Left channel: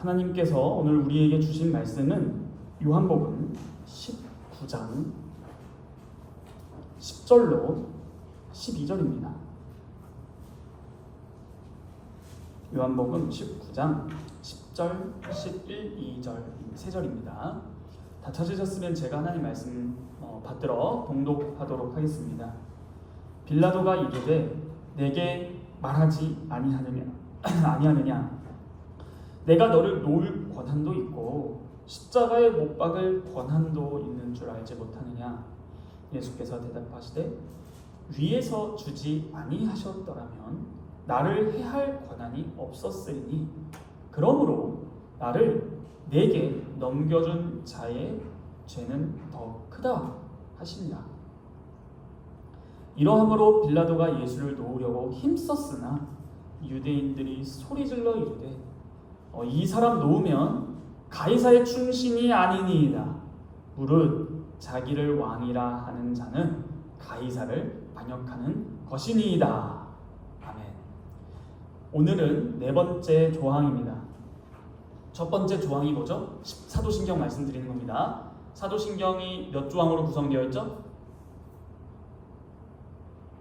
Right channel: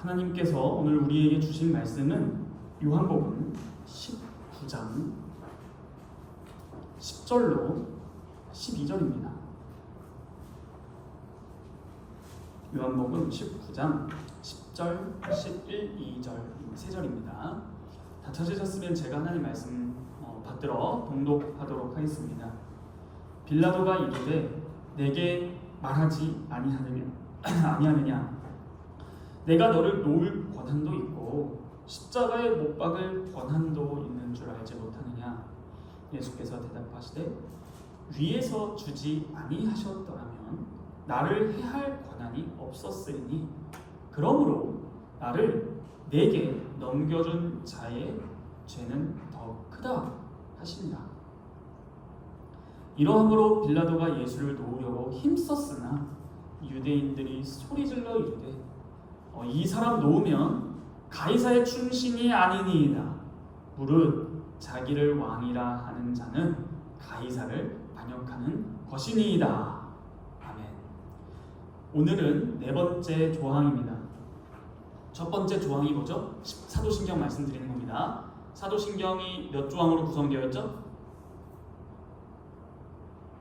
하나님께서 오늘 우리에게 주신 말씀은 요한복음 19장 10절로 12절입니다. 요한복음 19장 10절, 11, 2절, 3절입니다. 다 찾으셨으면 제가 하나님 말씀 받들어 봉독하도록 하겠습니다. 빌라도가 이르되 내게 말하지 아니하느냐 내가 너를 놓을 권한도 있고 십자가에 못 박을 권한도 있는 줄 알지 못하느냐. 예수께서 대답하시되 위에서 주지 아니하셨더라면 나를 해할 권한이 없었으리니 그러므로 나를 내게 넘겨준 자의 죄는 더 크다 하신다. 이러함으로 빌라도가 예수를 놓으려고 힘썼으나 유대인들이 소리질러 이르되 이 사람 놓으면 가이사의 충신이 아니니이다. 무릇 자기를 왕이라 하는 자는 가이사를 반역하는 것이니이다. 아멘. 오늘은 네 번째 조항입니다. 첫 번째 조항이 뭐죠? 사도신경 말씀드리는 겁니다. 사도신경이 몇 조항으로 구성되어 있죠?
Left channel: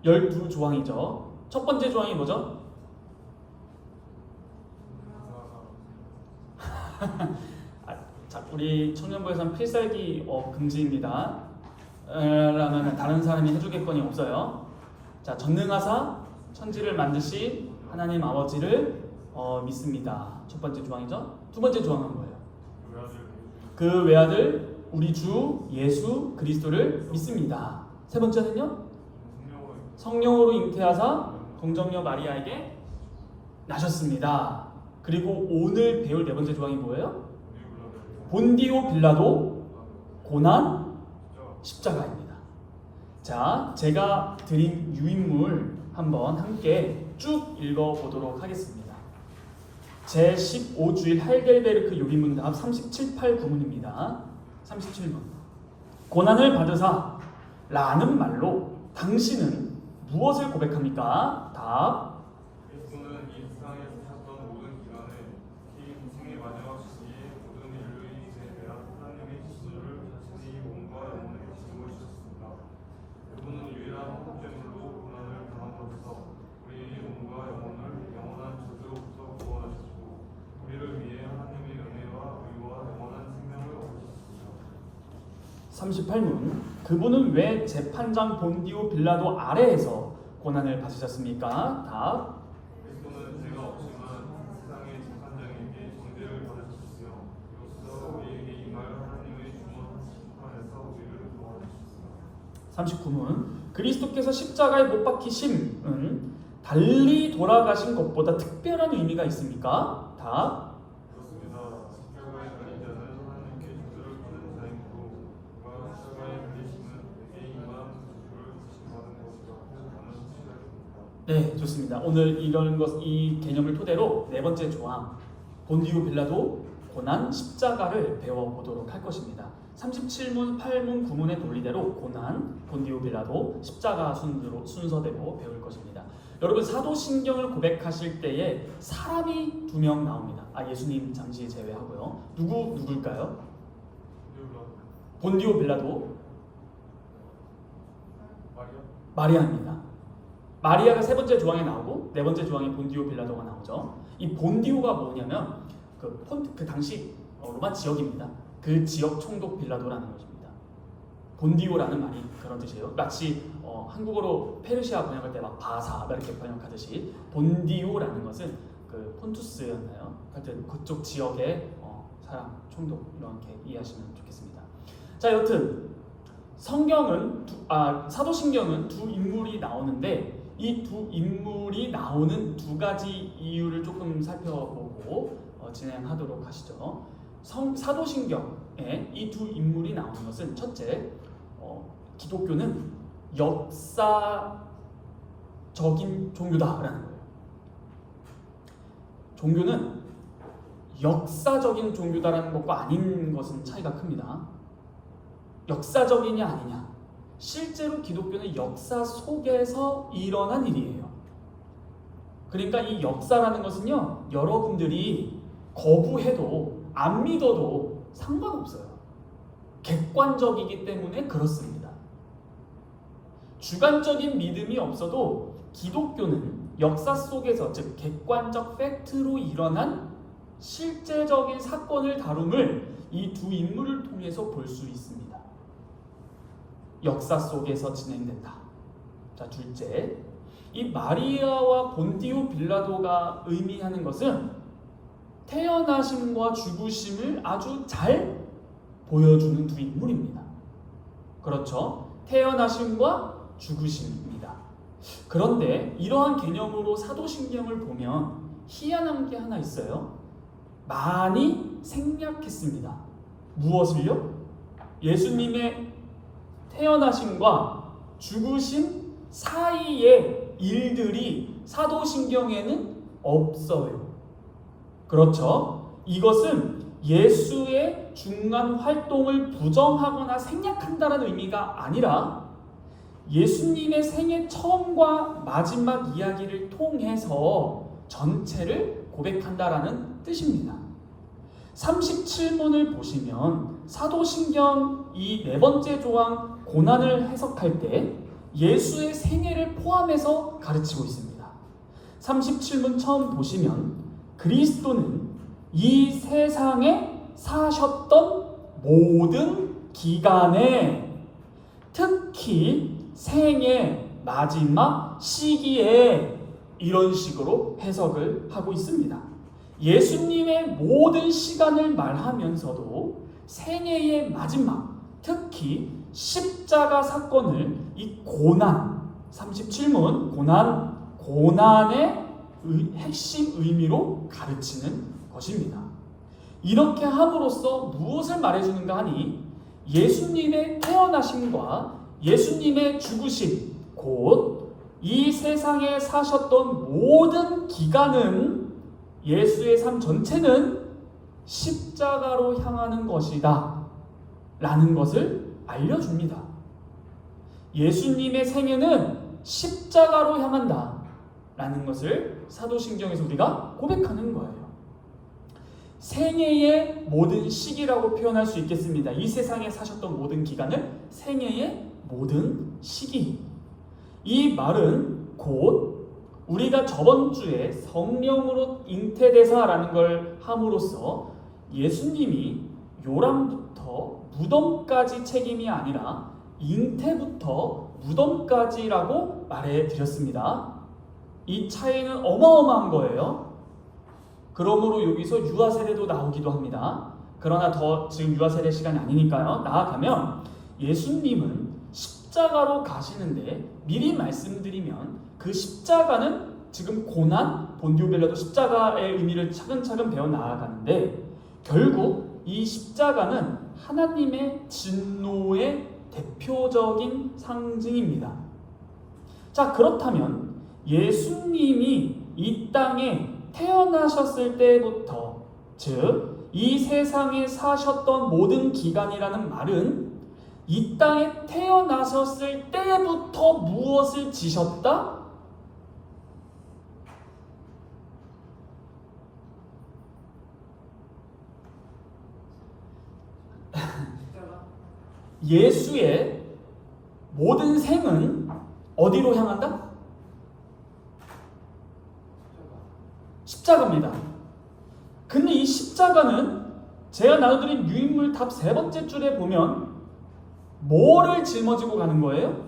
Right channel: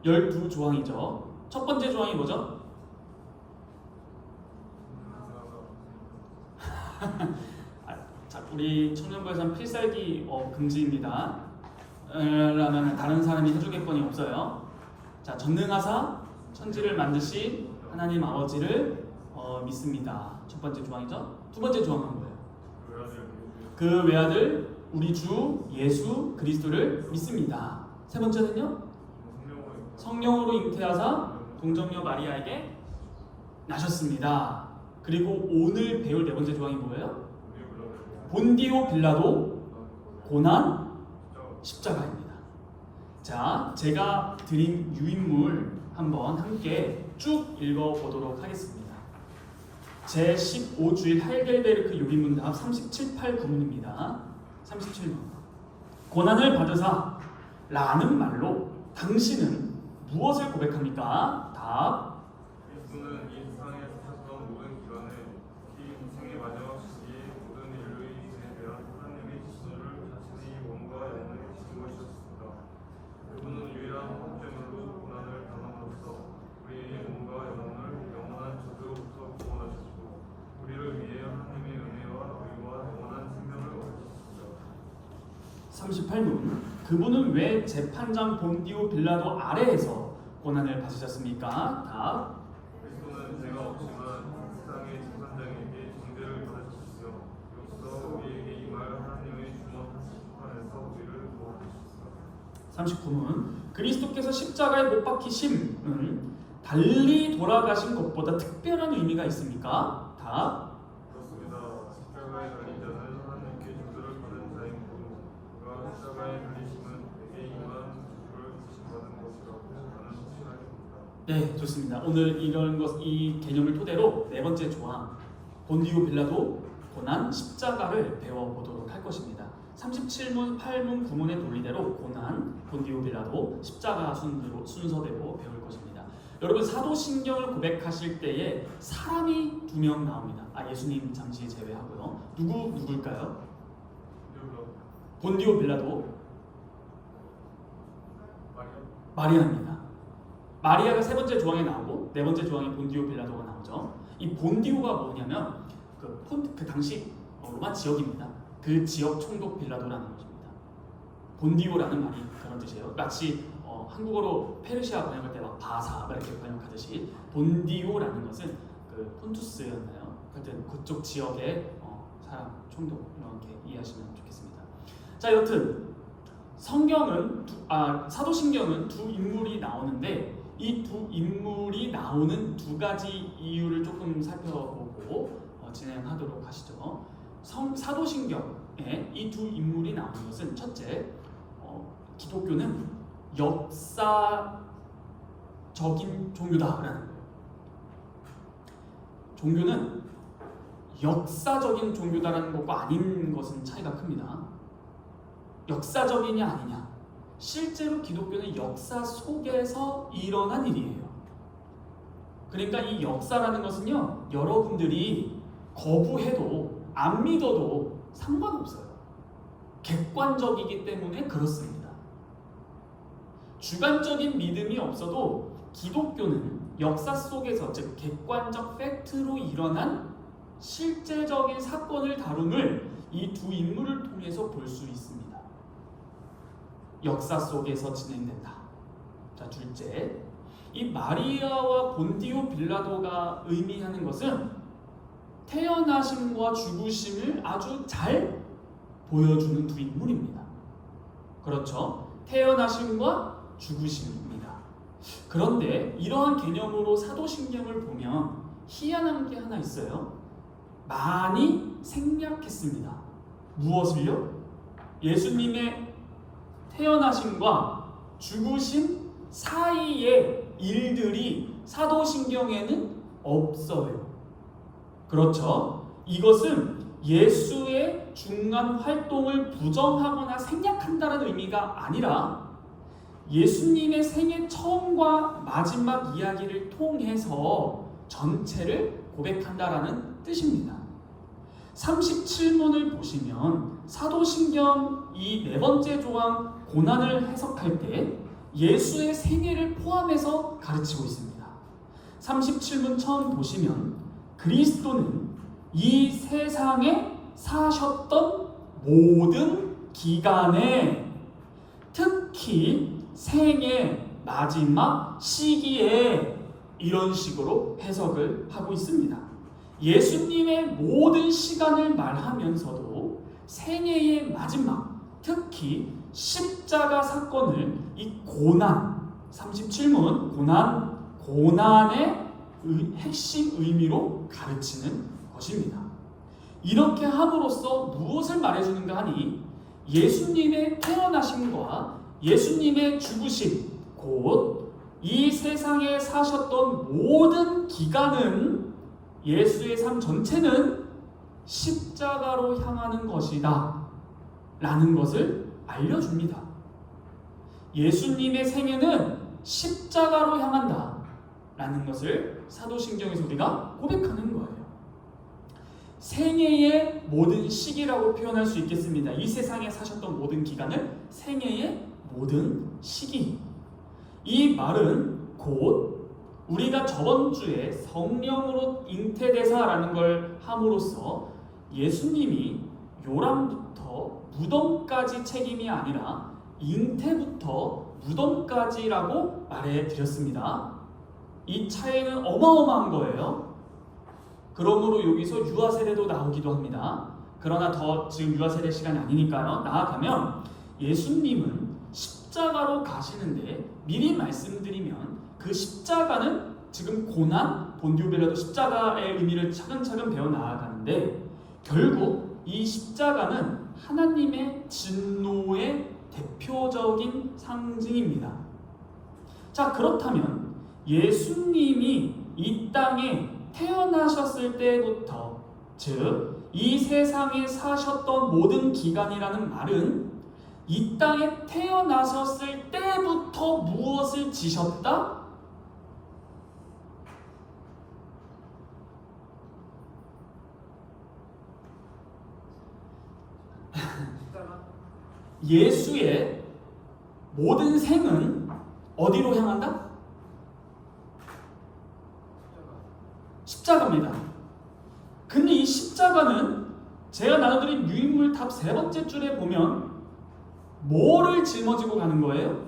12조항이죠. 첫 번째 조항이 뭐죠? 자, 우리 청년부에서는 필살기 금지입니다. 라면 다른 사람이 해주겠거니 없어요. 자, 전능하사 천지를 만드신 하나님 아버지를 믿습니다. 첫 번째 조항이죠. 두 번째 조항은 뭐예요? 그 외아들 우리 주 예수 그리스도를 믿습니다. 세 번째는요? 성령으로 잉태하사 동정녀 마리아에게 나셨습니다. 그리고 오늘 배울 네 번째 조항이 뭐예요? 본디오 빌라도 고난 십자가입니다. 자, 제가 드린 유인물 한번 함께 쭉 읽어보도록 하겠습니다. 제15주일 하이델베르크 요리문답 37, 8, 9문입니다. 37문. 고난을 받으사 라는 말로 당신은 무엇을 고백합니까? 답. 예수는 이 세상에 사셨던 모든 기간에 특히 인생의 마지막 시기에 모든 인류의 인생에 대한 하나님의 지시를 자신의 몸과 영혼에 주신 것이었습니다. 그분은 유일한 목적으로 고난을 당함으로써 우리의 몸과 영혼을 영원한 저주로부터 구원하셨고 우리를 위해 하나님의 은혜와 의와 영원한 생명을 얻으셨습니다. 38문. 그분은 왜 재판장 본디오 빌라도 아래에서 고난을 받으셨습니까? 답. 그리스도는 죄가 없지만 세상의 재판장에게 정죄를 받으셨으며 이로써 우리에게 임할 하나님의 주권하신 심판에서 우리를 구원하셨습니다. 39문. 그리스도께서 십자가에 못 박히심은 달리 돌아가신 것보다 특별한 의미가 있습니까? 답. 그렇습니다. 십자가에 달린 자는 하나님께 저주를 받은 자이므로 그가 십자가에 달리심은 내게 임한 저주를 대신받은 것이라 저는 확신하였습니다. 네, 좋습니다. 오늘 이 개념을 토대로 네 번째 조항 본디오 빌라도 고난 십자가를 배워보도록 할 것입니다. 37문, 8문, 9문의 논리대로 고난, 본디오 빌라도 십자가 순서대로 배울 것입니다. 여러분, 사도신경을 고백하실 때에 사람이 2명 나옵니다. 예수님 잠시 제외하고요. 누굴까요? 본디오 빌라도 마리아입니다. 마리아가 세 번째 조항에 나오고 네 번째 조항에 본디오 빌라도가 나오죠. 이 본디오가 뭐냐면 그 당시 로마 지역입니다. 그 지역 총독 빌라도라는 것입니다. 본디오라는 말이 그런 뜻이에요. 마치 한국어로 페르시아 번역할 때 막 바사 이렇게 번역하듯이 본디오라는 것은 그 폰투스였나요? 하여튼 그쪽 지역의 사람 총독 이렇게 이해하시면 좋겠습니다. 자, 여튼 성경은 사도신경은 두 인물이 나오는데 이 두 인물이 나오는 두 가지 이유를 조금 살펴보고 진행하도록 하시죠. 사도신경에 이 두 인물이 나오는 것은 첫째, 기독교는 역사적인 종교다라는 거예요. 종교는 역사적인 종교다라는 것과 아닌 것은 차이가 큽니다. 역사적이냐 아니냐. 실제로 기독교는 역사 속에서 일어난 일이에요. 그러니까 이 역사라는 것은요, 여러분들이 거부해도 안 믿어도 상관없어요. 객관적이기 때문에 그렇습니다. 주관적인 믿음이 없어도 기독교는 역사 속에서, 즉 객관적 팩트로 일어난 실제적인 사건을 다룸을 이 두 인물을 통해서 볼 수 있습니다. 역사 속에서 진행된다. 자, 둘째, 이 마리아와 본디오 빌라도가 의미하는 것은 태어나심과 죽으심을 아주 잘 보여주는 두 인물입니다. 그렇죠? 태어나심과 죽으심입니다. 그런데 이러한 개념으로 사도신경을 보면 희한한 게 하나 있어요. 많이 생략했습니다. 무엇을요? 예수님의 태어나심과 죽으심 사이의 일들이 사도신경에는 없어요. 그렇죠? 이것은 예수의 중간 활동을 부정하거나 생략한다는 의미가 아니라 예수님의 생애 처음과 마지막 이야기를 통해서 전체를 고백한다라는 뜻입니다. 37문을 보시면 사도신경 이 네 번째 조항 고난을 해석할 때 예수의 생애를 포함해서 가르치고 있습니다. 37문 처음 보시면 그리스도는 이 세상에 사셨던 모든 기간에, 특히 생애 마지막 시기에, 이런 식으로 해석을 하고 있습니다. 예수님의 모든 시간을 말하면서도 생애의 마지막, 특히 십자가 사건을 이 고난, 37문 고난의 핵심 의미로 가르치는 것입니다. 이렇게 함으로써 무엇을 말해주는가 하니 예수님의 태어나심과 예수님의 죽으심, 곧 이 세상에 사셨던 모든 기간은, 예수의 삶 전체는 십자가로 향하는 것이다 라는 것을 알려줍니다. 예수님의 생애는 십자가로 향한다 라는 것을 사도신경에서 우리가 고백하는 거예요. 생애의 모든 시기라고 표현할 수 있겠습니다. 이 세상에 사셨던 모든 기간을 생애의 모든 시기. 이 말은 곧 우리가 저번 주에 성령으로 잉태되사라는 걸 함으로써 예수님이 요람부터 무덤까지 책임이 아니라 잉태부터 무덤까지라고 말해드렸습니다. 이 차이는 어마어마한 거예요. 그러므로 여기서 유아세례도 나오기도 합니다. 그러나 지금 유아세례 시간이 아니니까요. 나아가면 예수님은 십자가로 가시는데 미리 말씀드리면 그 십자가는 지금 고난, 본디오 빌라도 십자가의 의미를 차근차근 배워 나아가는데 결국 이 십자가는 하나님의 진노의 대표적인 상징입니다. 자, 그렇다면 예수님이 이 땅에 태어나셨을 때부터, 즉 이 세상에 사셨던 모든 기간이라는 말은 이 땅에 태어나셨을 때부터 무엇을 지셨다? 예수의 모든 생은 어디로 향한다? 십자가입니다. 근데 이 십자가는 제가 나눠드린 유인물 답 세 번째 줄에 보면 뭐를 짊어지고 가는 거예요?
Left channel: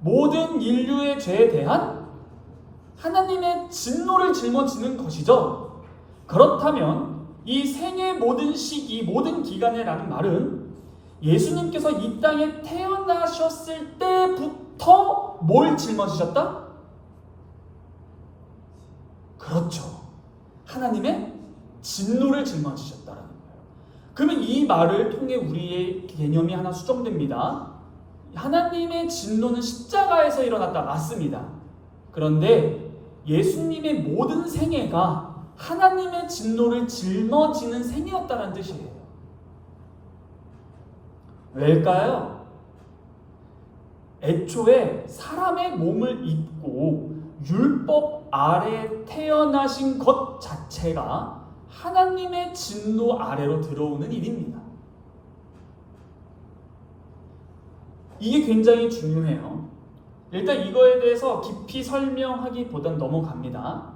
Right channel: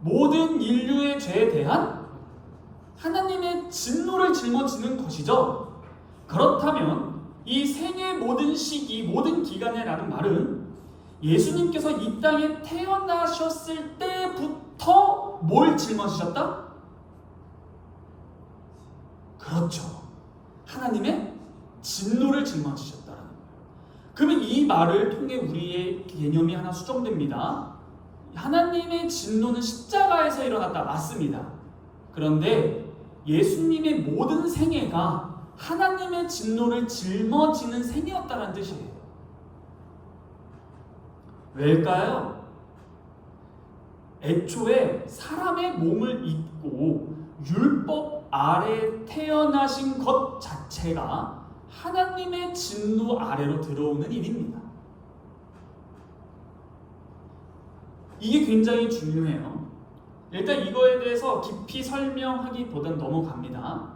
모든 인류의 죄에 대한 하나님의 진노를 짊어지는 것이죠. 그렇다면 이 생의 모든 시기, 모든 기간에라는 말은 예수님께서 이 땅에 태어나셨을 때부터 뭘 짊어지셨다? 그렇죠. 하나님의 진노를 짊어지셨다라는 거예요. 그러면 이 말을 통해 우리의 개념이 하나 수정됩니다. 하나님의 진노는 십자가에서 일어났다. 맞습니다. 그런데 예수님의 모든 생애가 하나님의 진노를 짊어지는 생애였다는 뜻이에요. 왜일까요? 애초에 사람의 몸을 입고 율법 아래 태어나신 것 자체가 하나님의 진노 아래로 들어오는 일입니다. 이게 굉장히 중요해요. 일단 이거에 대해서 깊이 설명하기보단 넘어갑니다.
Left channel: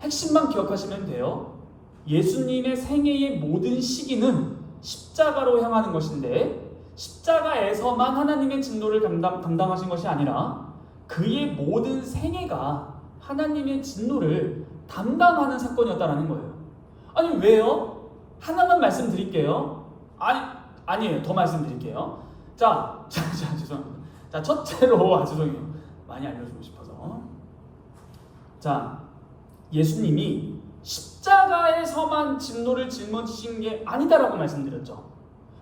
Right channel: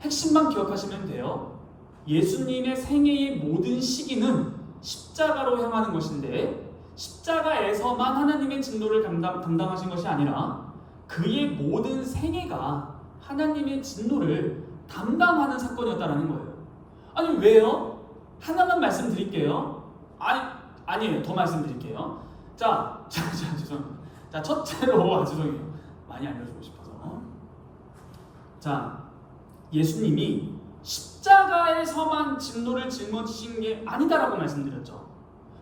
핵심만 기억하시면 돼요. 예수님의 생애의 모든 시기는 십자가로 향하는 것인데 십자가에서만 하나님의 진노를 감당하신 것이 아니라 그의 모든 생애가 하나님의 진노를 담당하는 사건이었다는 거예요. 아니 왜요? 하나만 말씀드릴게요. 아니에요. 더 말씀드릴게요. 자, 죄송합니다. 자, 첫째로 죄송해요. 많이 알려주고 싶어서. 자, 예수님이 십자가에서만 진노를 짊어지신 게 아니다라고 말씀드렸죠.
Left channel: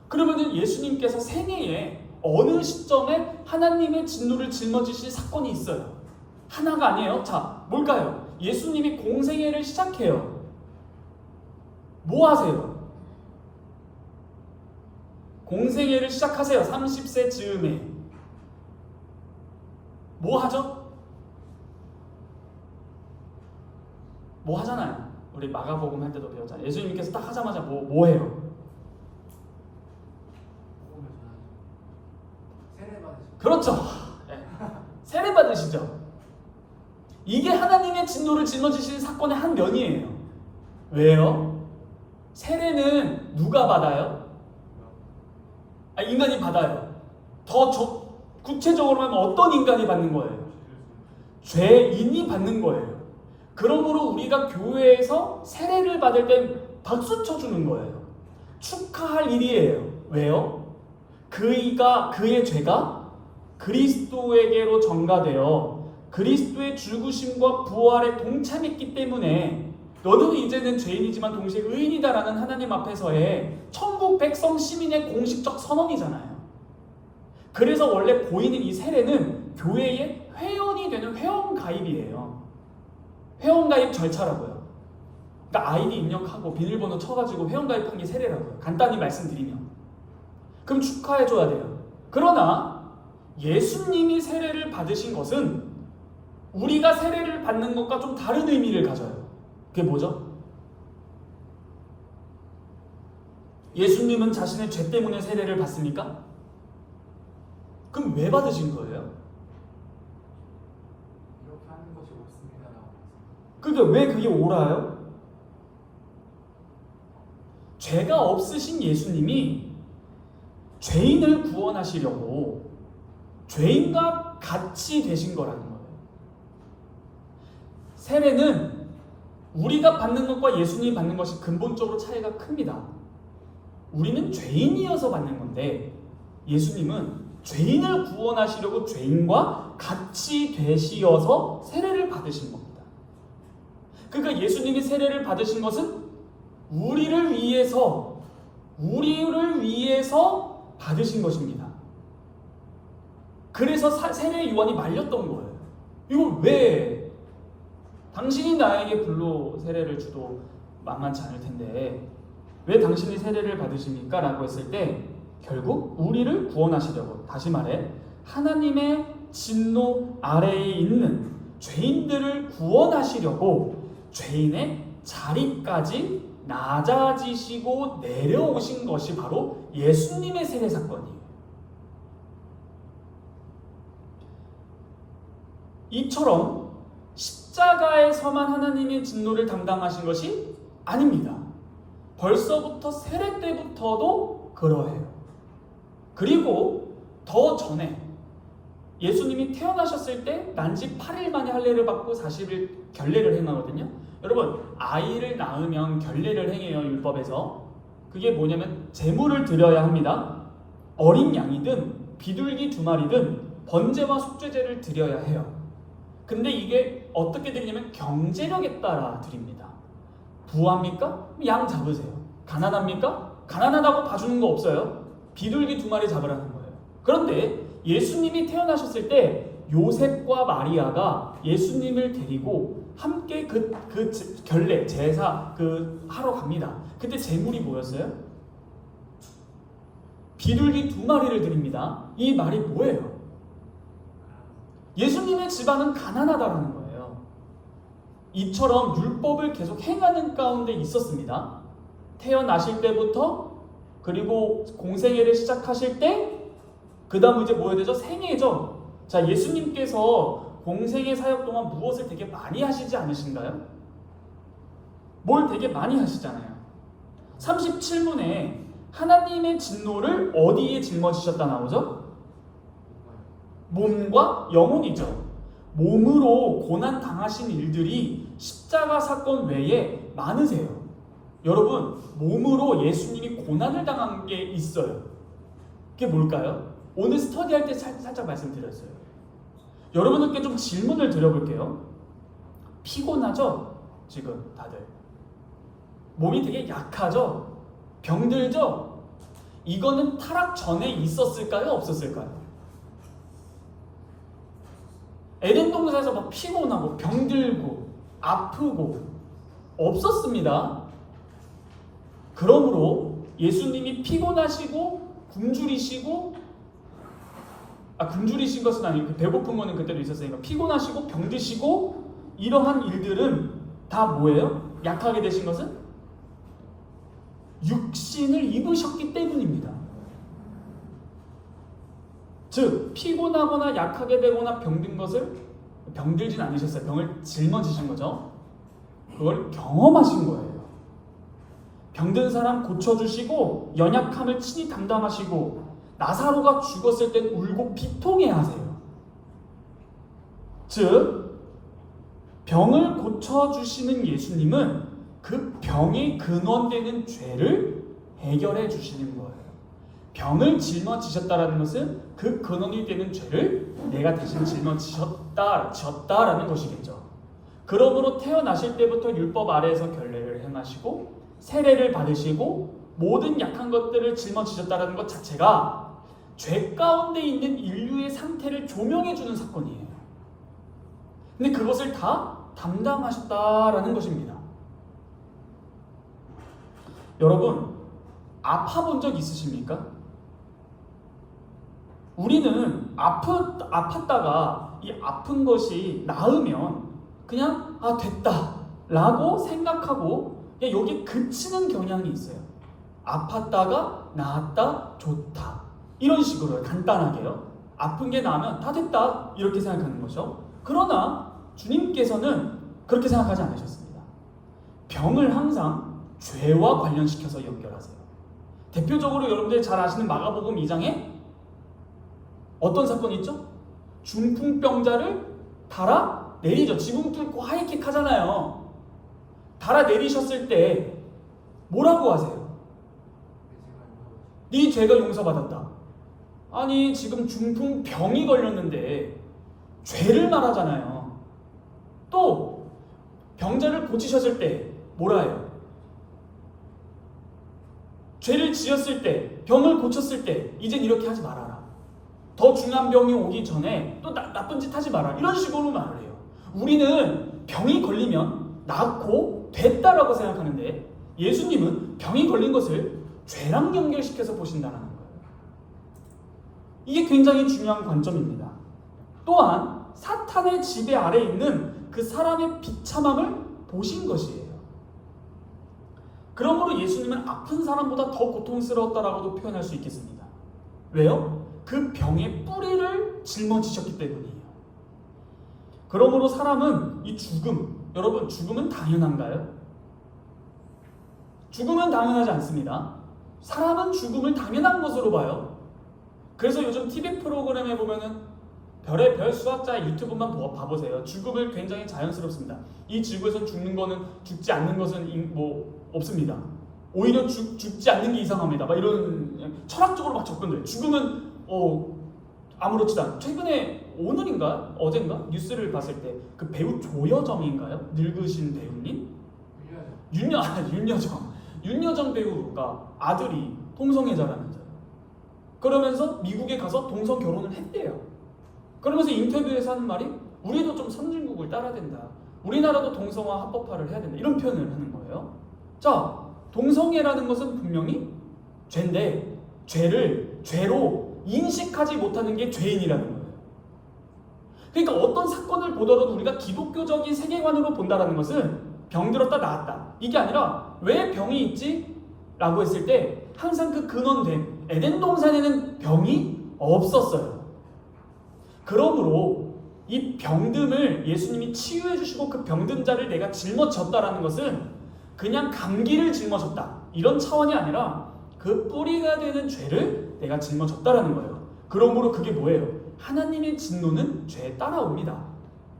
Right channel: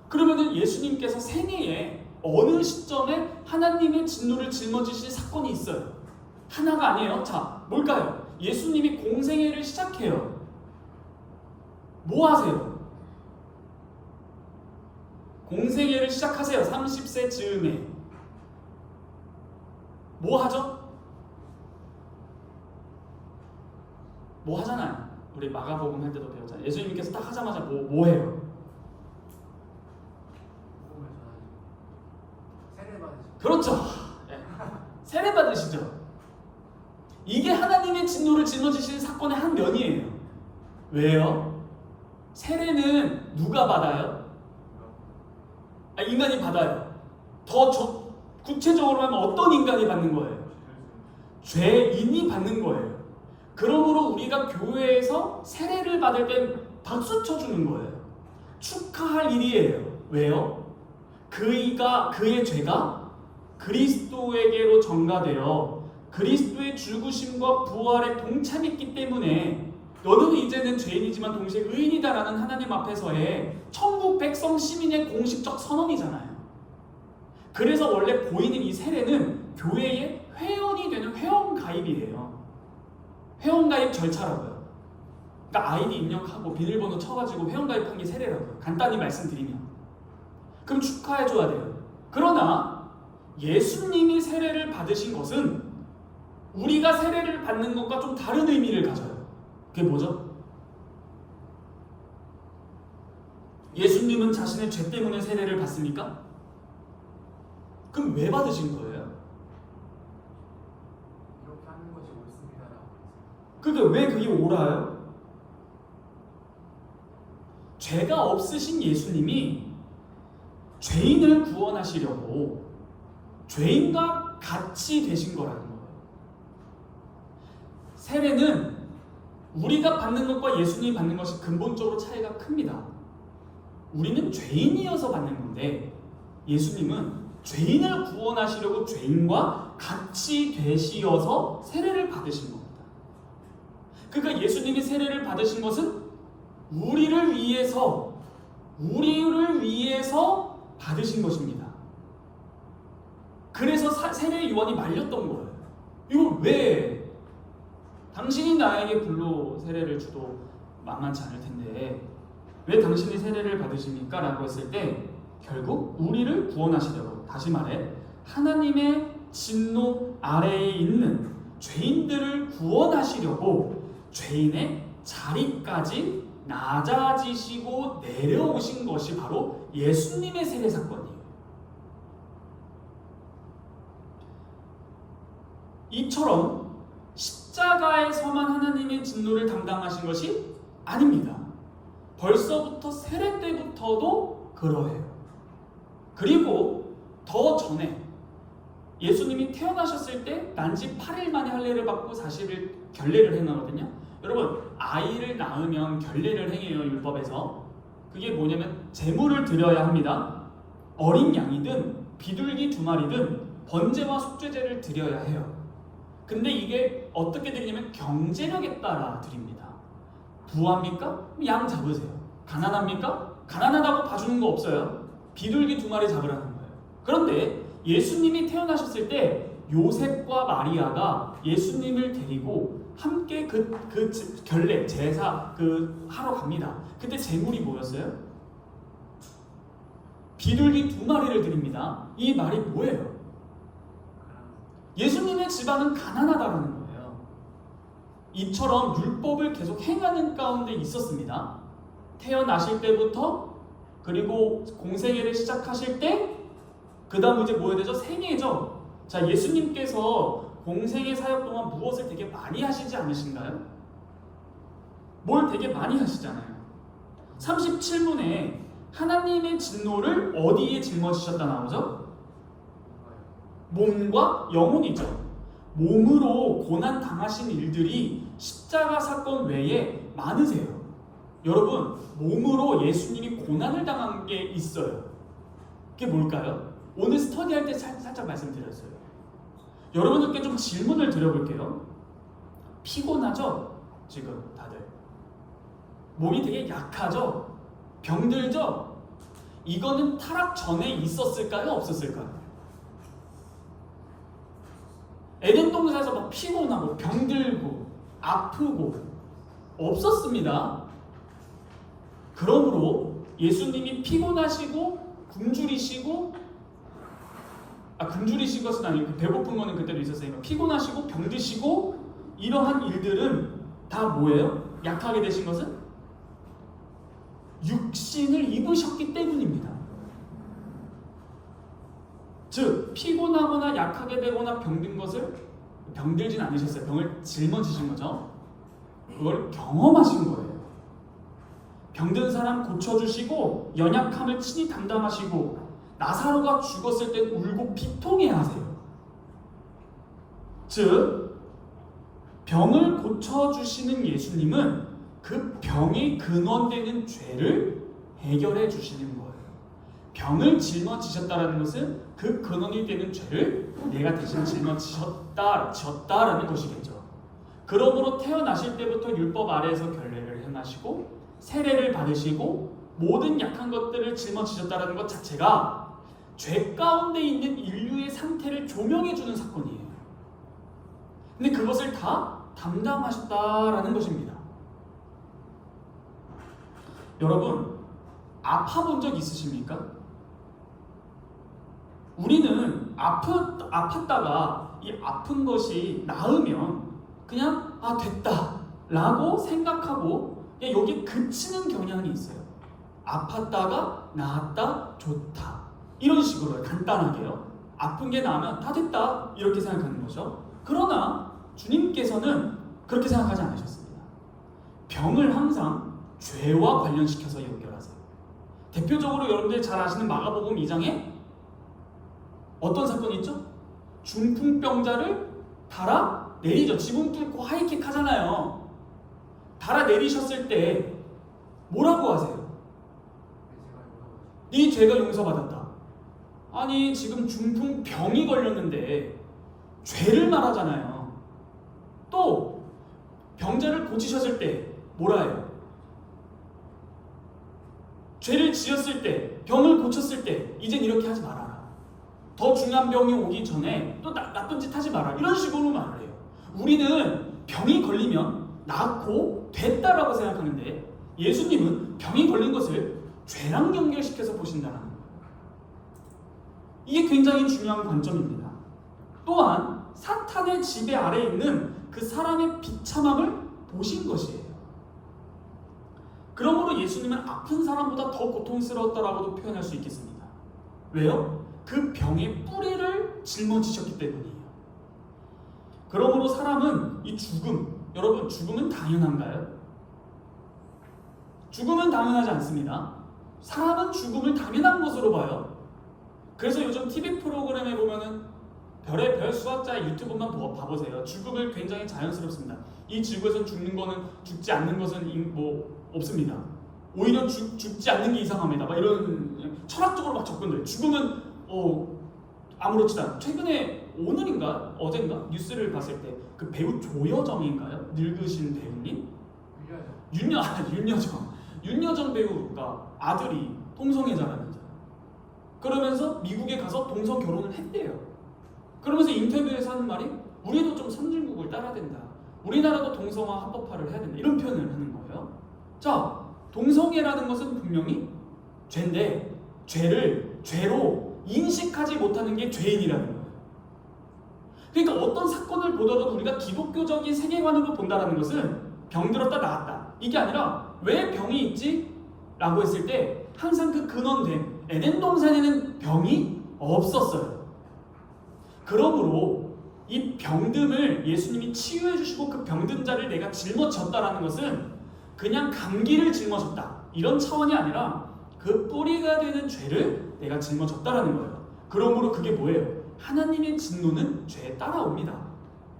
그러면은 예수님께서 생애에 어느 시점에 하나님의 진노를 짊어지실 사건이 있어요. 하나가 아니에요. 자, 뭘까요? 예수님이 공생애를 시작해요. 뭐 하세요? 공생애를 시작하세요. 30세 즈음에. 뭐 하죠? 뭐 하잖아요. 우리 마가복음 할 때도 배웠잖아요. 예수님께서 딱 하자마자 뭐 해요? 그렇죠. 네. 세례 받으시죠. 이게 하나님의 진노를 짊어지신 사건의 한 면이에요. 왜요? 세례는 누가 받아요? 인간이 받아요. 더 구체적으로 하면 어떤 인간이 받는 거예요? 죄인이 받는 거예요. 그러므로 우리가 교회에서 세례를 받을 땐 박수 쳐주는 거예요. 축하할 일이에요. 왜요? 그의 죄가 그리스도에게로 전가되어 그리스도의 죽으심과 부활에 동참했기 때문에 너는 이제는 죄인이지만 동시에 의인이다라는 하나님 앞에서의 천국 백성 시민의 공식적 선언이잖아요. 그래서 원래 보이는 이 세례는 교회의 회원이 되는 회원가입이에요. 회원가입 절차라고요. 그러니까 아이디 입력하고 비밀번호 쳐가지고 회원가입한 게 세례라고요. 간단히 말씀드리면. 그럼 축하해줘야 돼요. 그러나 예수님이 세례를 받으신 것은 우리가 세례를 받는 것과 좀 다른 의미를 가져요. 그게 뭐죠? 예수님은 자신의 죄 때문에 세례를 받습니까? 그럼 왜 받으신 거예요? 이렇게 하는 것이 옳습니다라고. 그러니까 왜 그게 옳아요? 죄가 없으신 예수님이 죄인을 구원하시려고 죄인과 같이 되신 거라는 거예요. 세례는 우리가 받는 것과 예수님이 받는 것이 근본적으로 차이가 큽니다. 우리는 죄인이어서 받는 건데 예수님은 죄인을 구원하시려고 죄인과 같이 되시어서 세례를 받으신 겁니다. 그러니까 예수님이 세례를 받으신 것은 우리를 위해서 받으신 것입니다. 그래서 세례 요한이 말렸던 거예요. 이거 왜? 당신이 나에게 불로 세례를 주도 만만치 않을 텐데 왜 당신이 세례를 받으십니까? 라고 했을 때 결국 우리를 구원하시려고, 다시 말해 하나님의 진노 아래에 있는 죄인들을 구원하시려고 죄인의 자리까지 낮아지시고 내려오신 것이 바로 예수님의 세례 사건이에요. 이처럼 십자가에서만 하나님의 진노를 담당하신 것이 아닙니다. 벌써부터 세례 때부터도 그러해요. 그리고 더 전에 예수님이 태어나셨을 때 난지 8일 만에 할례를 받고 40일 결례를 행하거든요. 여러분, 아이를 낳으면 결례를 행해요. 율법에서. 그게 뭐냐면 제물을 드려야 합니다. 어린 양이든 비둘기 2마리든 번제와 속죄제를 드려야 해요. 근데 이게 어떻게 드리냐면 경제력에 따라 드립니다. 부합니까? 양 잡으세요. 가난합니까? 가난하다고 봐주는 거 없어요. 비둘기 2마리 잡으라는 거예요. 그런데 예수님이 태어나셨을 때 요셉과 마리아가 예수님을 데리고 함께 그 결례, 제사 하러 갑니다. 그때 제물이 뭐였어요? 비둘기 2마리를 드립니다. 이 말이 뭐예요? 예수님의 집안은 가난하다는 거예요. 이처럼 율법을 계속 행하는 가운데 있었습니다. 태어나실 때부터 그리고 공생애를 시작하실 때 그 다음 이제 뭐 해야 되죠? 생애죠. 자, 예수님께서 공생애 사역 동안 무엇을 되게 많이 하시지 않으신가요? 뭘 되게 많이 하시잖아요. 37문에 하나님의 진노를 어디에 짊어지셨다 나오죠? 몸과 영혼이죠. 몸으로 고난 당하신 일들이 십자가 사건 외에 많으세요. 여러분, 몸으로 예수님이 고난을 당한 게 있어요. 그게 뭘까요? 오늘 스터디할 때 살짝 말씀드렸어요. 여러분들께 좀 질문을 드려볼게요. 피곤하죠? 지금 다들 몸이 되게 약하죠? 병들죠? 이거는 타락 전에 있었을까요? 없었을까요? 에덴 동산에서 막 피곤하고 병들고 아프고 없었습니다. 그러므로 예수님이 피곤하시고 굶주리신 것은 아니고 배고픈 거는 그때도 있었으니까 피곤하시고 병드시고 이러한 일들은 다 뭐예요? 약하게 되신 것은 육신을 입으셨기 때문입니다. 즉 피곤하거나 약하게 되거나 병든 것을 병들진 않으셨어요. 병을 짊어지신 거죠. 그걸 경험하신 거예요. 병든 사람 고쳐주시고 연약함을 친히 담당하시고 나사로가 죽었을 땐 울고 비통해야 하세요. 즉 병을 고쳐주시는 예수님은 그 병의 근원되는 죄를 해결해 주시는 거예요. 병을 짊어지셨다라는 것은 그 근원이 되는 죄를 내가 대신 졌다라는 것이겠죠. 그러므로 태어나실 때부터 율법 아래에서 결례를 행하시고 세례를 받으시고 모든 약한 것들을 짊어지셨다라는 것 자체가 죄 가운데 있는 인류의 상태를 조명해 주는 사건이에요. 근데 그것을 다 담당하셨다라는 것입니다. 여러분, 아파본 적 있으십니까? 우리는 아팠다가 이 아픈 것이 나으면 그냥 됐다 라고 생각하고 그냥 여기 그치는 경향이 있어요. 아팠다가 나았다 좋다 이런 식으로 간단하게요. 아픈 게 나으면 다 됐다 이렇게 생각하는 거죠. 그러나 주님께서는 그렇게 생각하지 않으셨습니다. 병을 항상 죄와 관련시켜서 연결하세요. 대표적으로 여러분들이 잘 아시는 마가복음 2장에 어떤 사건이 있죠? 중풍병자를 달아 내리죠. 지붕 뚫고 하이킥 하잖아요. 달아 내리셨을 때 뭐라고 하세요? 네 죄가 용서받았다. 아니 지금 중풍병이 걸렸는데 죄를 말하잖아요. 또 병자를 고치셨을 때 뭐라 해요? 죄를 지었을 때 병을 고쳤을 때 이젠 이렇게 하지 말아라. 더 중요한 병이 오기 전에 또 나쁜 짓 하지 마라. 이런 식으로 말을 해요. 우리는 병이 걸리면 낫고 됐다라고 생각하는데 예수님은 병이 걸린 것을 죄랑 연결시켜서 보신다는 거예요. 이게 굉장히 중요한 관점입니다. 또한 사탄의 지배 아래 있는 그 사람의 비참함을 보신 것이에요. 그러므로 예수님은 아픈 사람보다 더 고통스러웠다라고도 표현할 수 있겠습니다. 왜요? 그 병의 뿌리를 짊어지셨기 때문이에요. 그러므로 사람은 이 죽음, 여러분 죽음은 당연한가요? 죽음은 당연하지 않습니다. 사람은 죽음을 당연한 것으로 봐요. 그래서 요즘 TV 프로그램에 보면은 별의 별 수학자 유튜브만 봐보세요. 죽음을 굉장히 자연스럽습니다. 이 지구에서 죽는 거는 죽지 않는 것은 뭐 없습니다. 오히려 죽지 않는 게 이상합니다. 막 이런 철학적으로 막 접근돼요. 죽음은 아무렇지도 않아. 최근에 오늘인가 어젠가 뉴스를 봤을 때 그 배우 조여정인가요? 늙으신 배우님? 윤여정 배우가 아들이 동성애자라면서요. 그러면서 미국에 가서 동성 결혼을 했대요. 그러면서 인터뷰에서 하는 말이 우리도 좀 선진국을 따라야 된다. 우리나라도 동성화 합법화를 해야 된다. 이런 표현을 하는 거예요. 자, 동성애라는 것은 분명히 죄인데 죄를 죄로 인식하지 못하는 게 죄인이라는 거예요. 그러니까 어떤 사건을 보더라도 우리가 기독교적인 세계관으로 본다는 것은 병들었다 나았다 이게 아니라 왜 병이 있지? 라고 했을 때 항상 그 근원된 에덴 동산에는 병이 없었어요. 그러므로 이 병듦을 예수님이 치유해 주시고 그 병든 자를 내가 짊어졌다라는 것은 그냥 감기를 짊어졌다 이런 차원이 아니라 그 뿌리가 되는 죄를 내가 짊어졌다라는 거예요. 그러므로 그게 뭐예요? 하나님의 진노는 죄에 따라옵니다.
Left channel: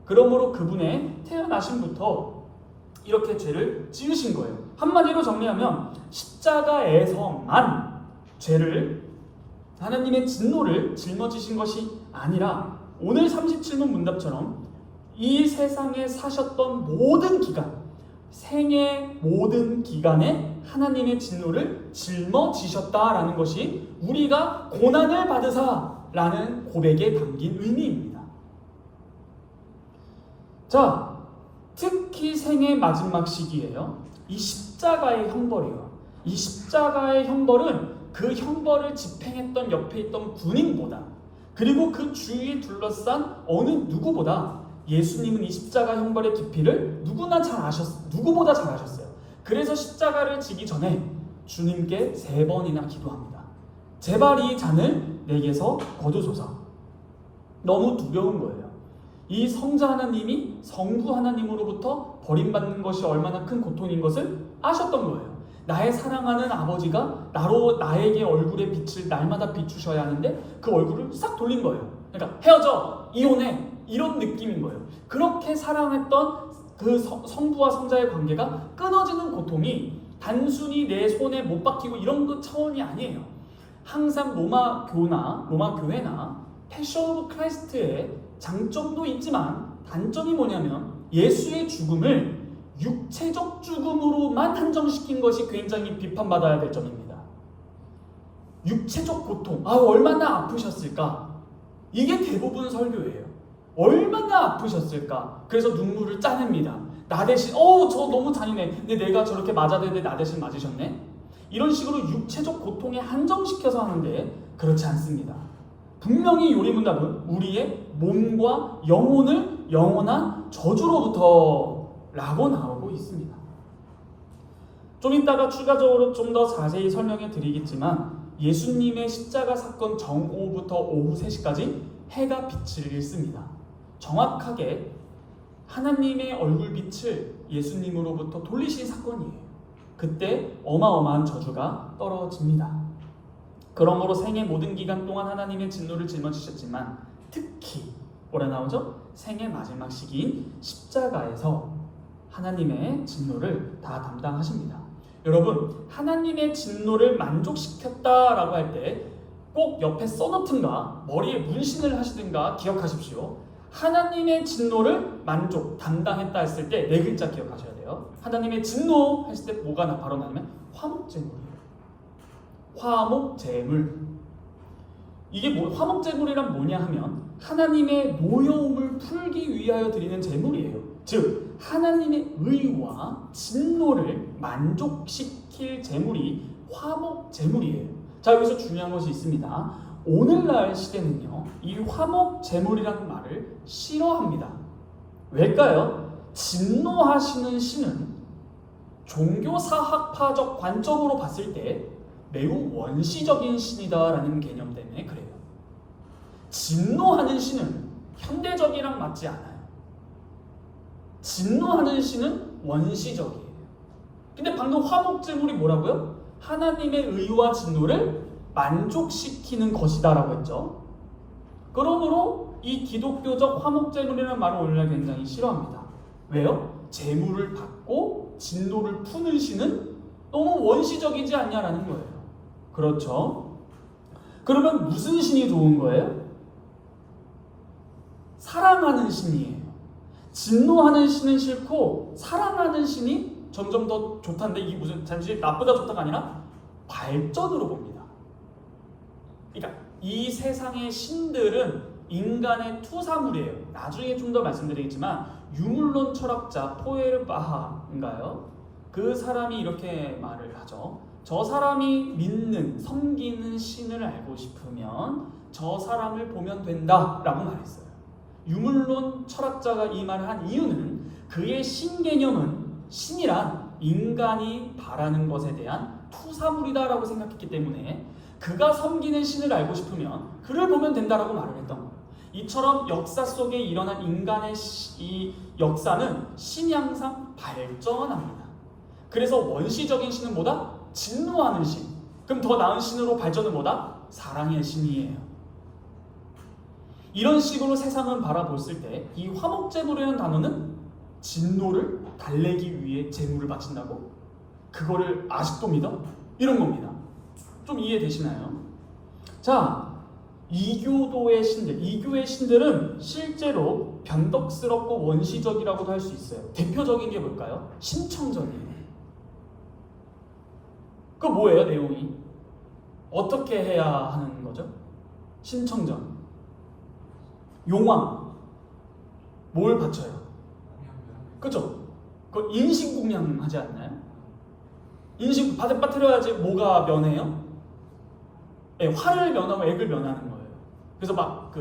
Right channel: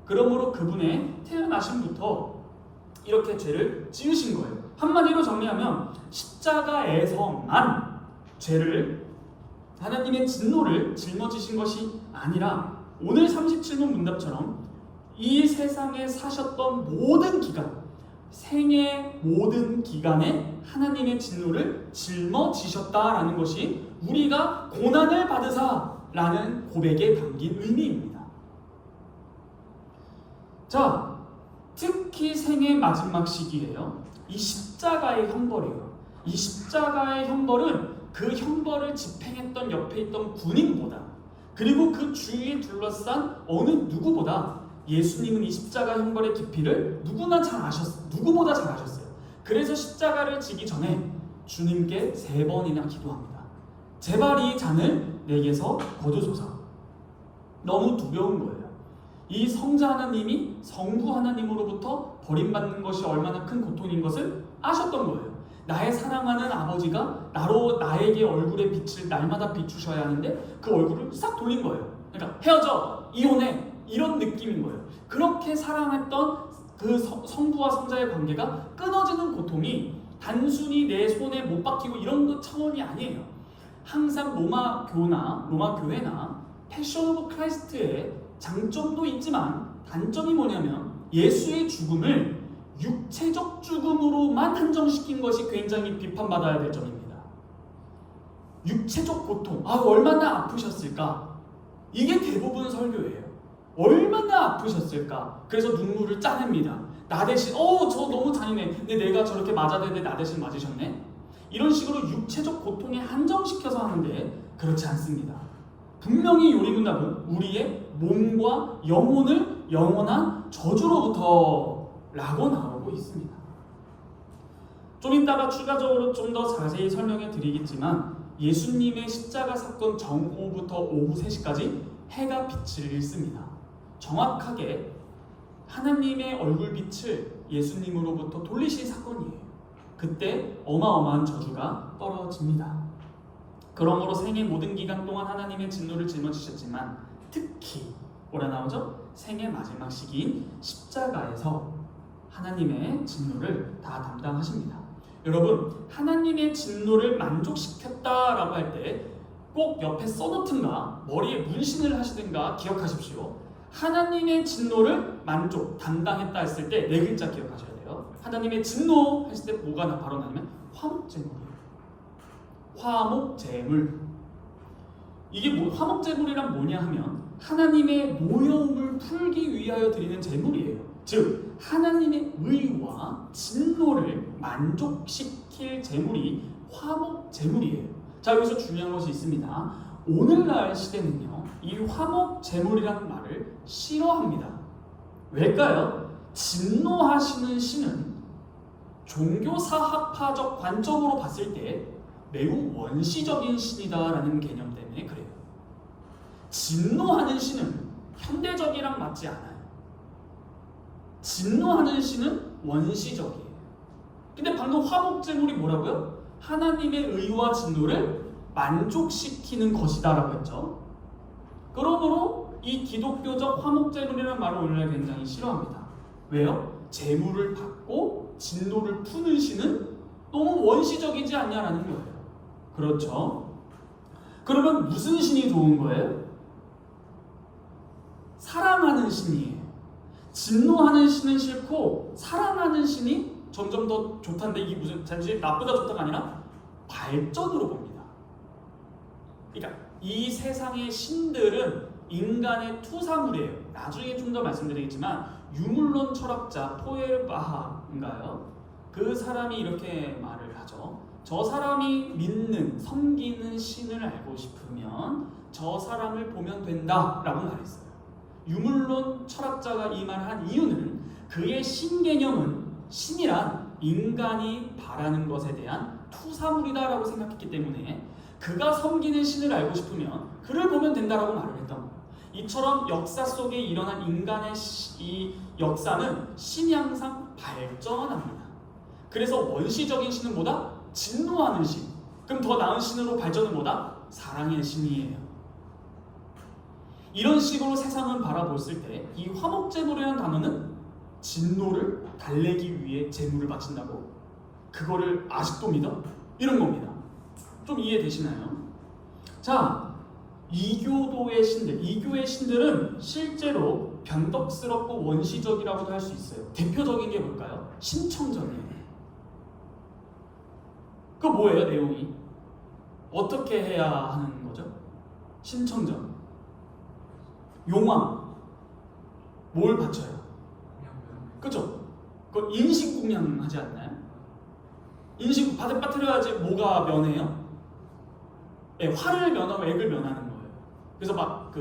그러므로 그분의 태어나심부터 이렇게 죄를 지으신 거예요. 한마디로 정리하면 십자가에서만 죄를 하나님의 진노를 짊어지신 것이 아니라 오늘 37문 문답처럼 이 세상에 사셨던 모든 기간, 생의 모든 기간에 하나님의 진노를 짊어지셨다라는 것이 우리가 고난을 받으사라는 고백에 담긴 의미입니다. 자, 특히 생의 마지막 시기예요. 이 십자가의 형벌이에요. 이 십자가의 형벌은 그 형벌을 집행했던 옆에 있던 군인보다 그리고 그 주위에 둘러싼 어느 누구보다 예수님은 이 십자가 형벌의 깊이를 누구보다 잘 아셨어요. 그래서 십자가를 지기 전에 주님께 3번이나 기도합니다. 제발 이 잔을 내게서 거두소서. 너무 두려운 거예요. 이 성자 하나님이 성부 하나님으로부터 버림받는 것이 얼마나 큰 고통인 것을 아셨던 거예요. 나의 사랑하는 아버지가 나에게 얼굴의 빛을 날마다 비추셔야 하는데 그 얼굴을 싹 돌린 거예요. 그러니까 헤어져, 이혼해 이런 느낌인 거예요. 그렇게 사랑했던 그 성부와 성자의 관계가 끊어지는 고통이 단순히 내 손에 못 박히고 이런 것 차원이 아니에요. 항상 로마 교회나 패션 오브 크라이스트의 장점도 있지만 단점이 뭐냐면 예수의 죽음을 육체적 죽음으로만 한정시킨 것이 굉장히 비판받아야 될 점입니다. 육체적 고통, 얼마나 아프셨을까? 이게 대부분 설교예요. 얼마나 아프셨을까? 그래서 눈물을 짜냅니다. 나 대신 저 너무 잔인해. 근데 내가 저렇게 맞아야 되는데 나 대신 맞으셨네? 이런 식으로 육체적 고통에 한정시켜서 하는데 그렇지 않습니다. 분명히 요리문답은 우리의 몸과 영혼을 영원한 저주로부터 라고 나오고 있습니다. 좀 이따가 추가적으로 좀 더 자세히 설명해 드리겠지만 예수님의 십자가 사건 정오부터 오후 3시까지 해가 빛을 잃습니다. 정확하게 하나님의 얼굴빛을 예수님으로부터 돌리신 사건이에요. 그때 어마어마한 저주가 떨어집니다. 그러므로 생의 모든 기간 동안 하나님의 진노를 짊어지셨지만 특히 뭐라 나오죠? 생의 마지막 시기인 십자가에서 하나님의 진노를 다 담당하십니다. 여러분, 하나님의 진노를 만족시켰다라고 할 때 꼭 옆에 써놓든가 머리에 문신을 하시든가 기억하십시오. 하나님의 진노를 담당했다 했을 때 4글자 기억하셔야 돼요. 하나님의 진노 했을 때 뭐가 바로 나냐면 화목제물이에요. 화목제물. 이게 화목제물이란 뭐냐 하면 하나님의 노여움을 풀기 위하여 드리는 제물이에요. 즉 하나님의 의와 진노를 만족시킬 제물이 화목제물이에요. 자, 여기서 중요한 것이 있습니다. 오늘날 시대는요, 이 화목제물이라는 말을 싫어합니다. 왜일까요? 진노하시는 신은 종교사학파적 관점으로 봤을 때 매우 원시적인 신이다라는 개념 때문에 그래요. 진노하는 신은 현대적이랑 맞지 않아요. 진노하는 신은 원시적이에요. 근데 방금 화목제물이 뭐라고요? 하나님의 의와 진노를 만족시키는 것이다 라고 했죠. 그러므로 이 기독교적 화목제물이라는 말을 오늘날 굉장히 싫어합니다. 왜요? 제물을 받고 진노를 푸는 신은 너무 원시적이지 않냐라는 거예요. 그렇죠? 그러면 무슨 신이 좋은 거예요? 사랑하는 신이에요. 진노하는 신은 싫고 사랑하는 신이 점점 더 좋다는데 이게 무슨 단지 나쁘다 좋다가 아니라 발전으로 봅니다. 그러니까 이 세상의 신들은 인간의 투사물이에요. 나중에 좀 더 말씀드리겠지만 유물론 철학자 포에르바하인가요? 그 사람이 이렇게 말을 하죠. 저 사람이 믿는, 섬기는 신을 알고 싶으면 저 사람을 보면 된다라고 말했어요. 유물론 철학자가 이 말을 한 이유는 그의 신개념은 신이란 인간이 바라는 것에 대한 투사물이다라고 생각했기 때문에 그가 섬기는 신을 알고 싶으면 그를 보면 된다라고 말을 했던 거예요. 이처럼 역사 속에 일어난 인간의 이 역사는 신이 항상 발전합니다. 그래서 원시적인 신은 뭐다? 진노하는 신. 그럼 더 나은 신으로 발전은 뭐다? 사랑의 신이에요. 이런 식으로 세상을 바라봤을 때 이 화목제물이라는 단어는 진노를 달래기 위해 제물을 바친다고? 그거를 아직도 믿어? 이런 겁니다. 좀 이해되시나요? 자, 이교도의 신들, 이교의 신들은 실제로 변덕스럽고 원시적이라고도 할 수 있어요. 대표적인 게 뭘까요? 신청전이에요. 그 뭐예요, 내용이? 어떻게 해야 하는 거죠? 신청전. 용왕. 뭘 바쳐요? 그죠? 그 인신공양 하지 않나요? 인신 빠뜨려야지 뭐가 면해요? 네, 화를 면하고 액을 면하는 거예요. 그래서 막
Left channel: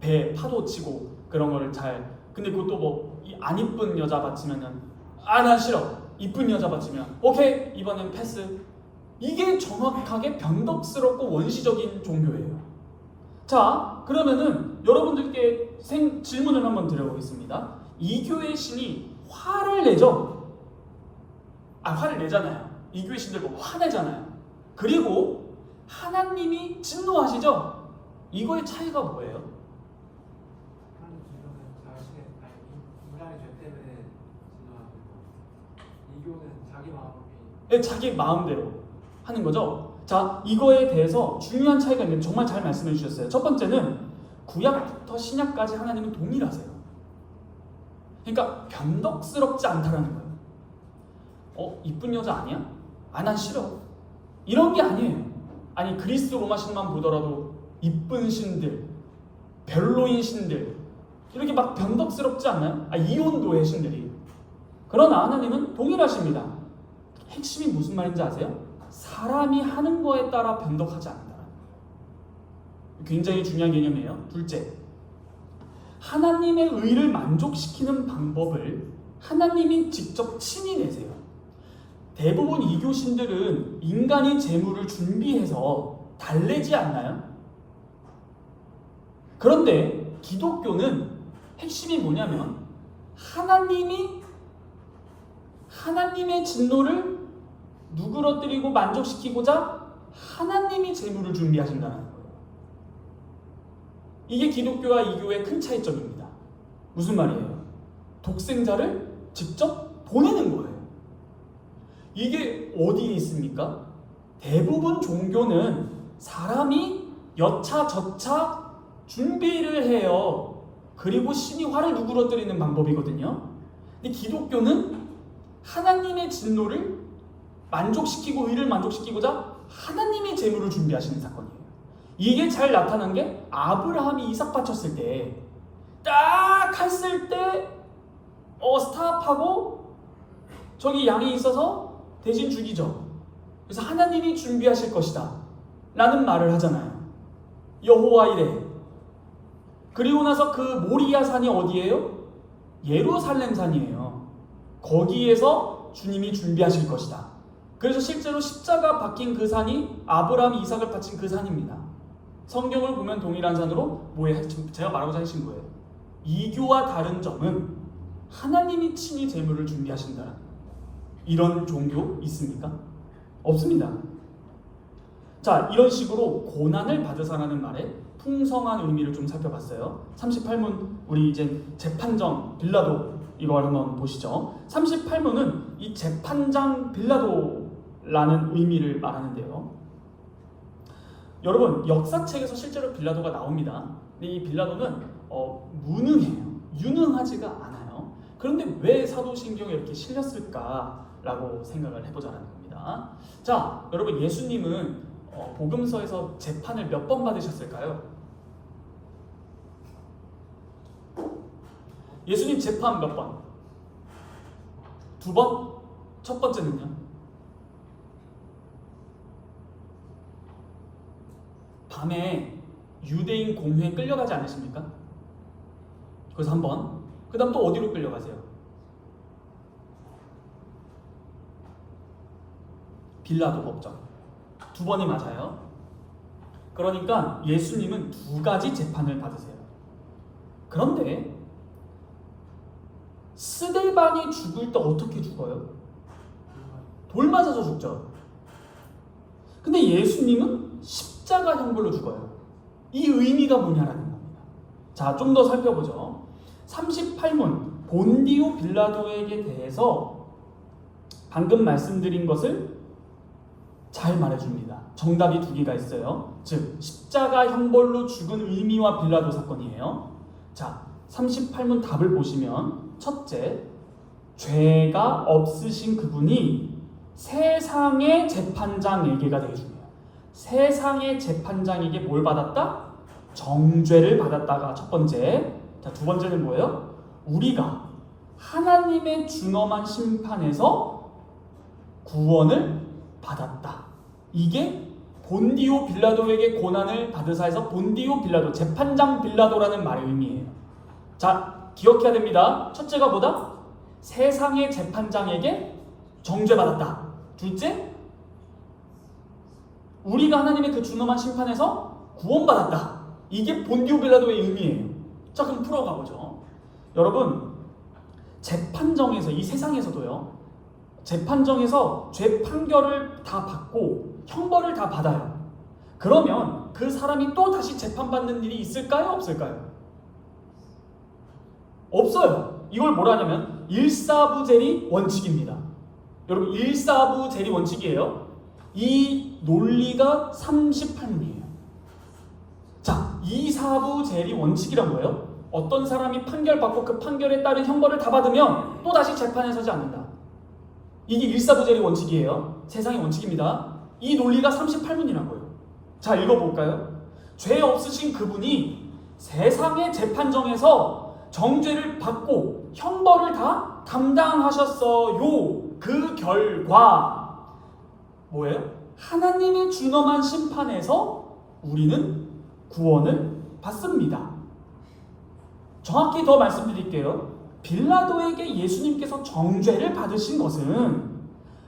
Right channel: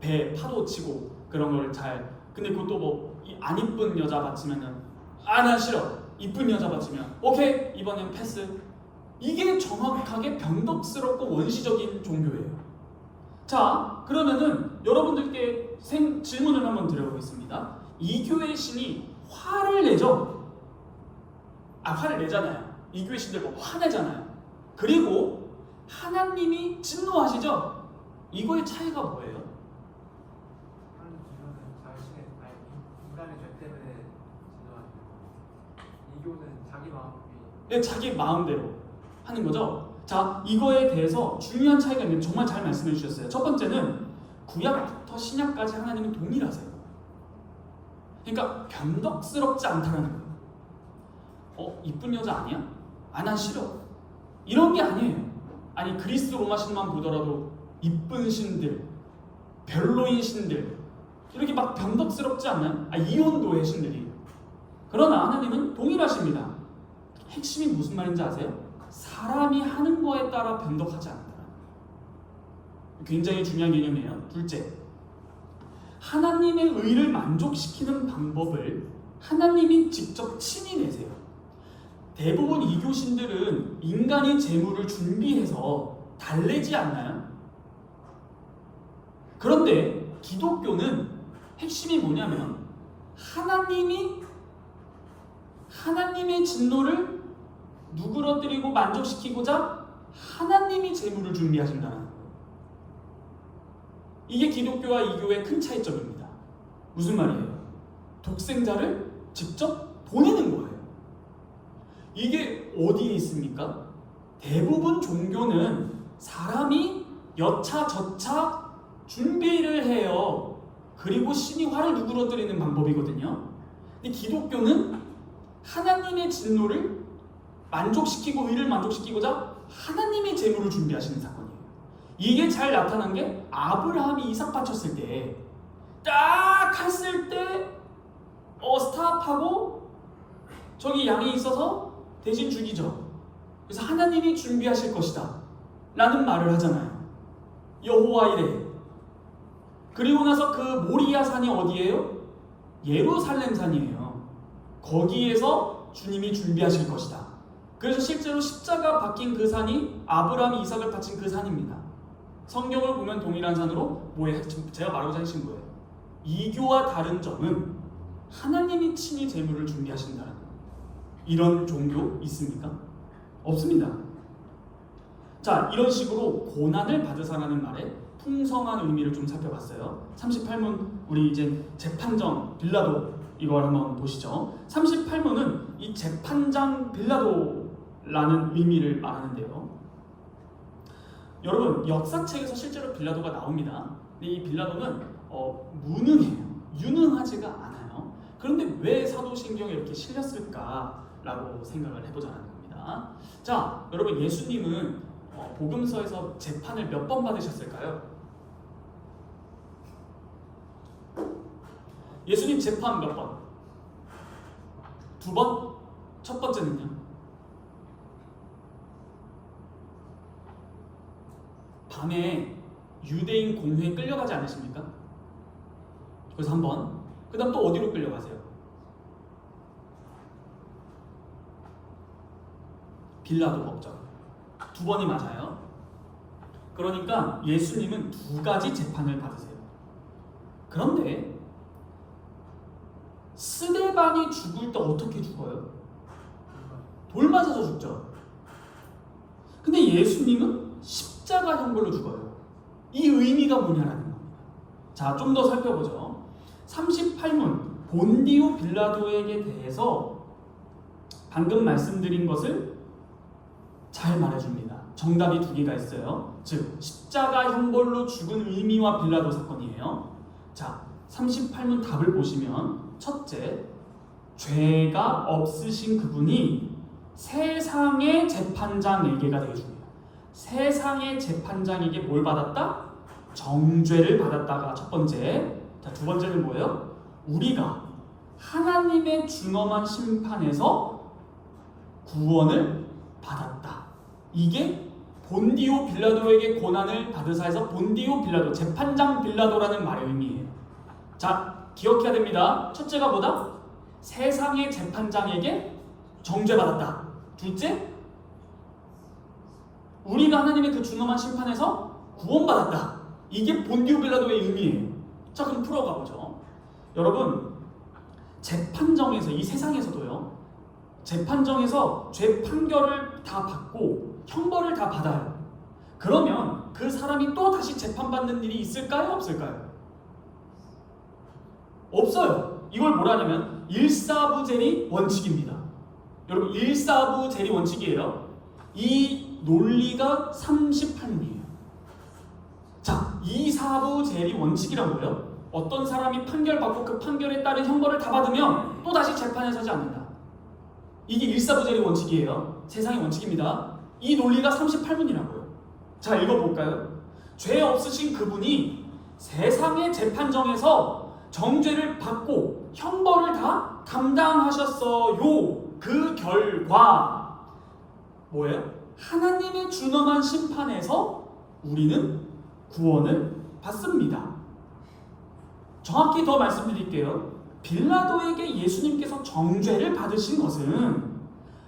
배 파도 치고 그런 거를 잘. 근데 그것도 뭐 안 이쁜 여자 바치면은 난 싫어. 이쁜 여자 바치면 오케이 이번엔 패스. 이게 정확하게 변덕스럽고 원시적인 종교예요. 자, 그러면은 여러분들께 질문을 한번 드려보겠습니다. 이교의 신이 화를 내죠? 화를 내잖아요. 이교의 신들 뭐 화내잖아요. 그리고 하나님이 진노하시죠? 이거의 차이가 뭐예요? 하나님 진노는 인간의 죄 때문에 진노하시고 이교는 자기 마음이 자기 마음대로 하는 거죠. 자, 이거에 대해서 중요한 차이가 있는데 정말 잘 말씀해 주셨어요. 첫 번째는 구약부터 신약까지 하나님은 동일하세요. 그러니까 변덕스럽지 않다는 거예요. 이쁜 여자 아니야? 난 싫어. 이런 게 아니에요. 아니 그리스 로마 신만 보더라도 이쁜 신들, 별로인 신들 이렇게 막 변덕스럽지 않나요? 이혼도의 신들이. 그러나 하나님은 동일하십니다. 핵심이 무슨 말인지 아세요? 사람이 하는 거에 따라 변덕하지 않는다. 굉장히 중요한 개념이에요. 둘째, 하나님의 의를 만족시키는 방법을 하나님이 직접 친히 내세요. 대부분 이교신들은 인간이 재물을 준비해서 달래지 않나요? 그런데 기독교는 핵심이 뭐냐면 하나님의 진노를 누그러뜨리고 만족시키고자 하나님이 재물을 준비하신다는 거예요. 이게 기독교와 이교의 큰 차이점입니다. 무슨 말이에요? 독생자를 직접 보내는 거예요. 이게 어디에 있습니까? 대부분 종교는 사람이 여차저차 준비를 해요. 그리고 신이 화를 누그러뜨리는 방법이거든요. 근데 기독교는 하나님의 진노를 만족시키고 의를 만족시키고자 하나님의 재물을 준비하시는 사건이에요. 이게 잘 나타난 게 아브라함이 이삭 바쳤을 때 딱 했을 때 스탑하고 저기 양이 있어서 대신 죽이죠. 그래서 하나님이 준비하실 것이다 라는 말을 하잖아요. 여호와 이래. 그리고 나서 그 모리아 산이 어디예요? 예루살렘 산이에요. 거기에서 주님이 준비하실 것이다. 그래서 실제로 십자가 박힌 그 산이 아브라함이 이삭을 바친 그 산입니다. 성경을 보면 동일한 산으로 제가 말하고자 하신 거예요. 이교와 다른 점은 하나님이 친히 재물을 준비하신다. 이런 종교 있습니까? 없습니다. 자, 이런 식으로 고난을 받으사라는 말에 풍성한 의미를 좀 살펴봤어요. 38문 우리 이제 재판정 빌라도 이걸 한번 보시죠. 38문은 이 재판장 빌라도라는 의미를 말하는데요. 여러분 역사책에서 실제로 빌라도가 나옵니다. 근데 이 빌라도는 무능해요. 유능하지가 않아요. 그런데 왜 사도신경에 이렇게 실렸을까라고 생각을 해보자는 겁니다. 자, 여러분 예수님은 복음서에서 재판을 몇 번 받으셨을까요? 예수님 재판 몇 번? 2번? 첫 번째는요? 밤에 유대인 공회에 끌려가지 않으십니까? 그래서 한 번. 그 다음 또 어디로 끌려가세요? 빌라도 법정. 두 번이 맞아요. 그러니까 예수님은 두 가지 재판을 받으세요. 그런데 스데반이 죽을 때 어떻게 죽어요? 돌 맞아서 죽죠. 근데 예수님은 십자가 형벌로 죽어요. 이 의미가 뭐냐라는 겁니다. 자, 좀 더 살펴보죠. 38문 본디오 빌라도에게 대해서 방금 말씀드린 것을 잘 말해줍니다. 정답이 두 개가 있어요. 즉 십자가 형벌로 죽은 의미와 빌라도 사건이에요. 자, 38문 답을 보시면 첫째, 죄가 없으신 그분이 세상의 재판장에게가 되게 중요해요. 세상의 재판장에게 뭘 받았다? 정죄를 받았다가 첫 번째. 자, 두 번째는 뭐예요? 우리가 하나님의 준엄한 심판에서 구원을 받았다. 이게 본디오 빌라도에게 고난을 받으사에서 본디오 빌라도, 재판장 빌라도라는 말의 의미예요. 자, 기억해야 됩니다. 첫째가 뭐다? 세상의 재판장에게 정죄받았다. 둘째, 우리가 하나님의 그 준엄한 심판에서 구원받았다. 이게 본디오 빌라도의 의미예요. 자, 그럼 풀어가 보죠. 여러분, 재판정에서, 이 세상에서도요, 재판정에서 죄 판결을 다 받고 형벌을 다 받아요. 그러면 그 사람이 또 다시 재판받는 일이 있을까요? 없을까요? 없어요. 이걸 뭐라냐면 일사부재리 원칙입니다. 여러분, 일사부재리 원칙이에요. 이 논리가 38문이에요. 자, 이사부재리 원칙이란 뭐예요? 어떤 사람이 판결받고 그 판결에 따른 형벌을 다 받으면 또 다시 재판에 서지 않는다. 이게 일사부재리 원칙이에요. 세상의 원칙입니다. 이 논리가 38문이라고요. 자, 읽어볼까요? 죄 없으신 그분이 세상의 재판정에서 정죄를 받고 형벌을 다 담당하셨어요. 그 결과 뭐예요? 하나님의 준엄한 심판에서 우리는 구원을 받습니다. 정확히 더 말씀드릴게요. 빌라도에게 예수님께서 정죄를 받으신 것은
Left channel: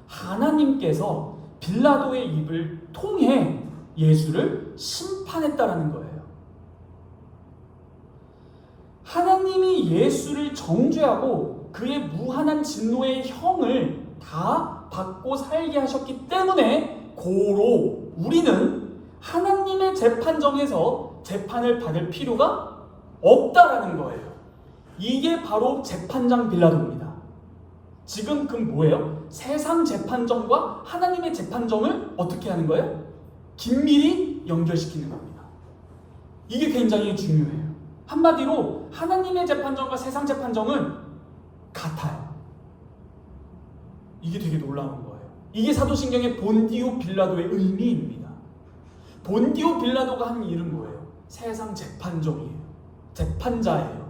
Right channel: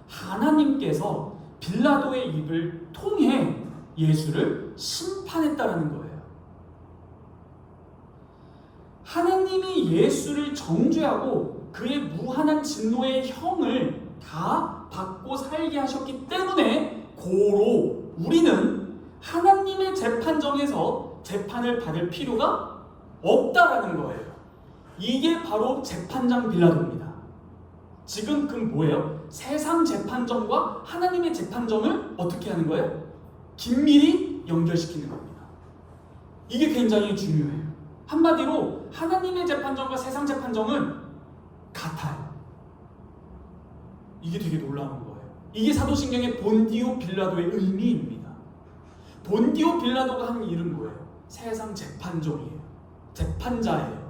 하나님께서 빌라도의 입을 통해 예수를 심판했다라는 거예요. 하나님이 예수를 정죄하고 그의 무한한 진노의 형을 다 받고 살게 하셨기 때문에 고로 우리는 하나님의 재판정에서 재판을 받을 필요가 없다라는 거예요. 이게 바로 재판장 빌라도입니다. 지금 그 뭐예요? 세상 재판정과 하나님의 재판정을 어떻게 하는 거예요? 긴밀히 연결시키는 겁니다. 이게 굉장히 중요해요. 한마디로 하나님의 재판정과 세상 재판정은 같아요. 이게 되게 놀라운 거예요. 이게 사도신경의 본디오 빌라도의 의미입니다. 본디오 빌라도가 한 일은 뭐예요? 세상 재판정이에요. 재판자예요.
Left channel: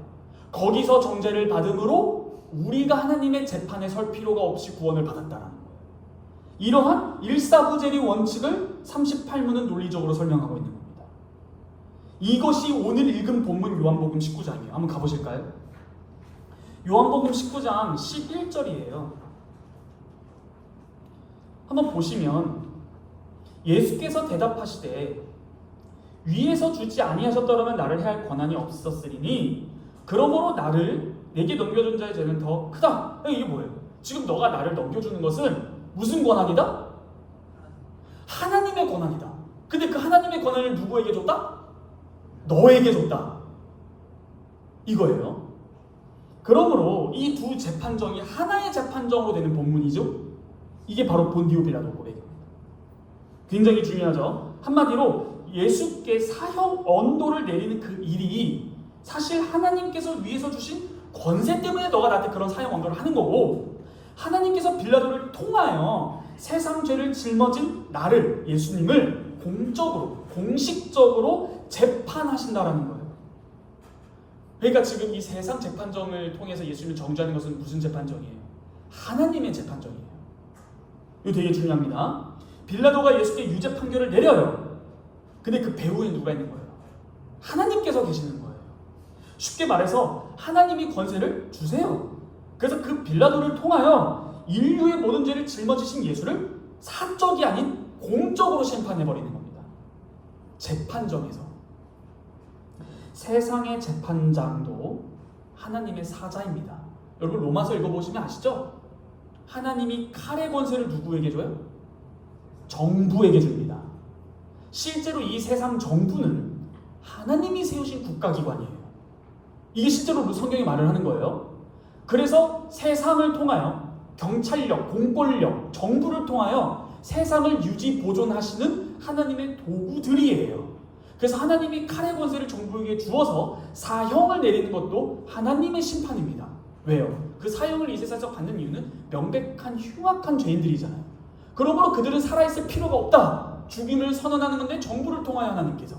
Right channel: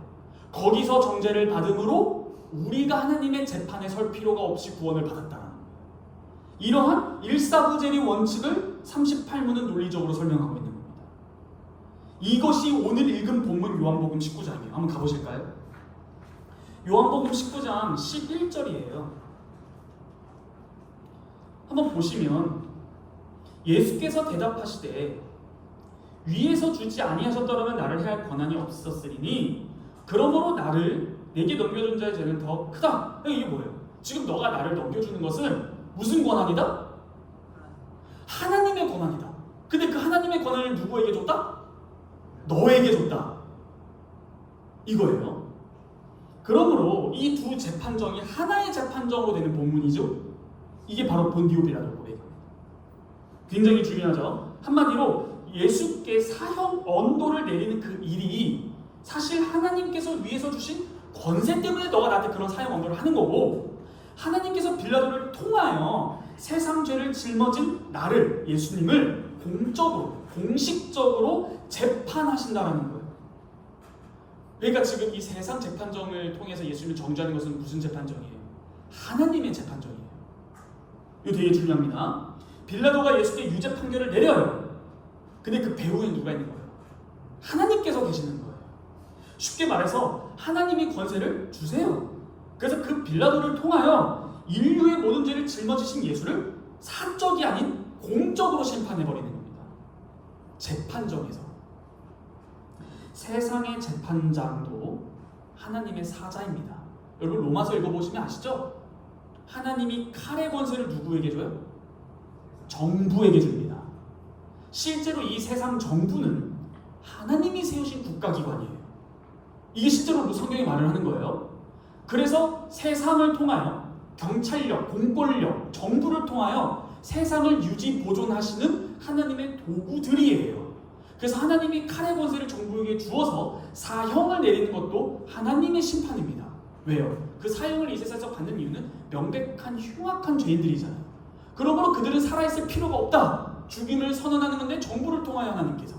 거기서 정죄를 받음으로 우리가 하나님의 재판에 설 필요가 없이 구원을 받았다는 거예요. 이러한 일사부재리 원칙을 38문은 논리적으로 설명하고 있는 겁니다. 이것이 오늘 읽은 본문 요한복음 19장이에요. 한번 가보실까요? 요한복음 19장 11절이에요. 한번 보시면 예수께서 대답하시되 위에서 주지 아니하셨더라면 나를 해할 권한이 없었으리니 그러므로 나를 내게 넘겨준 자의 죄는 더 크다. 이게 뭐예요? 지금 너가 나를 넘겨주는 것은 무슨 권한이다? 하나님의 권한이다. 근데 그 하나님의 권한을 누구에게 줬다? 너에게 줬다. 이거예요. 그러므로 이 두 재판정이 하나의 재판정으로 되는 본문이죠. 이게 바로 본디오 빌라도 고백입니다. 굉장히 중요하죠. 한마디로 예수께 사형 언도를 내리는 그 일이 사실 하나님께서 위에서 주신 권세 때문에 너가 나한테 그런 사형 언도를 하는 거고, 하나님께서 빌라도를 통하여 세상 죄를 짊어진 나를, 예수님을 공적으로, 공식적으로 재판하신다라는 거예요. 그러니까 지금 이 세상 재판정을 통해서 예수님을 정죄하는 것은 무슨 재판정이에요? 하나님의 재판정이에요. 이거 되게 중요합니다. 빌라도가 예수께 유죄 판결을 내려요. 근데 그 배후에 누가 있는 거예요? 하나님께서 계시는 거예요. 쉽게 말해서 하나님이 권세를 주세요. 그래서 그 빌라도를 통하여 인류의 모든 죄를 짊어지신 예수를 사적이 아닌 공적으로 심판해버리는 겁니다. 재판정에서. 세상의 재판장도 하나님의 사자입니다. 여러분 로마서 읽어보시면 아시죠? 하나님이 칼의 권세를 누구에게 줘요? 정부에게 줍니다. 실제로 이 세상 정부는 하나님이 세우신 국가기관이에요. 이게 실제로 성경이 말을 하는 거예요. 그래서 세상을 통하여 경찰력, 공권력, 정부를 통하여 세상을 유지 보존하시는 하나님의 도구들이에요. 그래서 하나님이 칼의 권세를 정부에게 주어서 사형을 내리는 것도 하나님의 심판입니다. 왜요? 그 사형을 이 세상에서 받는 이유는 명백한 흉악한 죄인들이잖아요. 그러므로 그들은 살아있을 필요가 없다. 죽임을 선언하는 건데 정부를 통하여 하나님께서.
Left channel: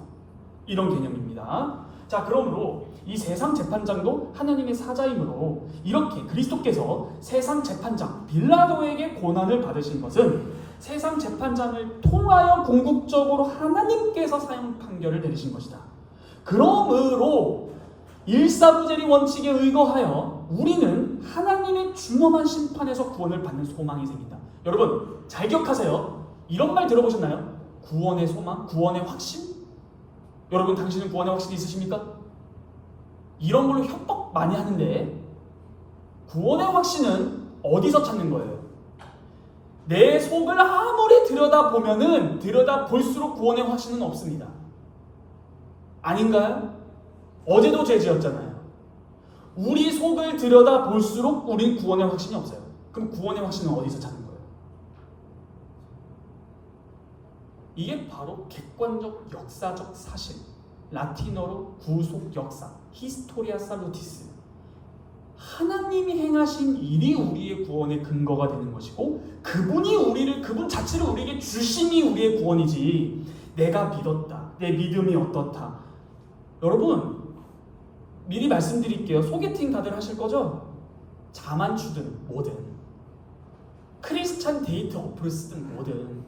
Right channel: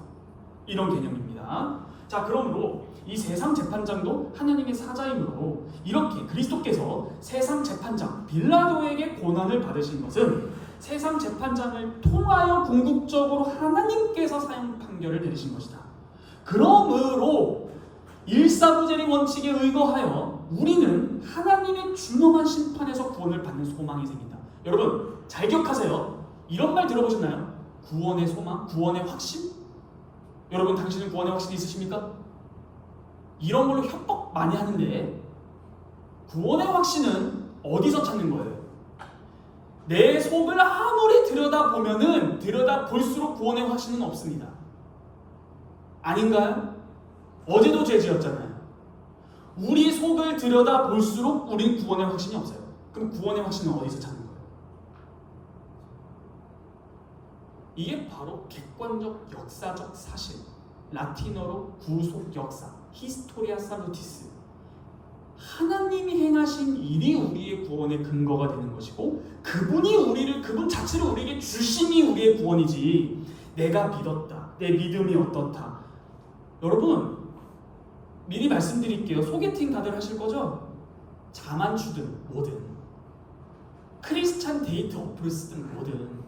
이런 개념입니다. 자, 그러므로 이 세상 재판장도 하나님의 사자이므로 이렇게 그리스도께서 세상 재판장 빌라도에게 고난을 받으신 것은 세상 재판장을 통하여 궁극적으로 하나님께서 사형 판결을 내리신 것이다. 그러므로 일사부재리 원칙에 의거하여 우리는 하나님의 준엄한 심판에서 구원을 받는 소망이 생긴다. 여러분 잘 기억하세요. 이런 말 들어보셨나요? 구원의 소망, 구원의 확신? 여러분 당신은 구원의 확신이 있으십니까? 이런 걸로 협박 많이 하는데 구원의 확신은 어디서 찾는 거예요? 내 속을 아무리 들여다보면은 들여다볼수록 구원의 확신은 없습니다. 아닌가요? 어제도 죄 지었잖아요. 우리 속을 들여다볼수록 우린 구원의 확신이 없어요. 그럼 구원의 확신은 어디서 찾는 거예요? 이게 바로 객관적 역사적 사실, 라틴어로 구속 역사, 히스토리아 살루티스. 하나님이 행하신 일이 우리의 구원의 근거가 되는 것이고 그분 자체를 우리에게 주심이 우리의 구원이지 내가 믿었다, 내 믿음이 어떻다. 여러분 미리 말씀드릴게요. 소개팅 다들 하실 거죠? 자만추든 뭐든 크리스찬 데이트 어플 쓰든 뭐든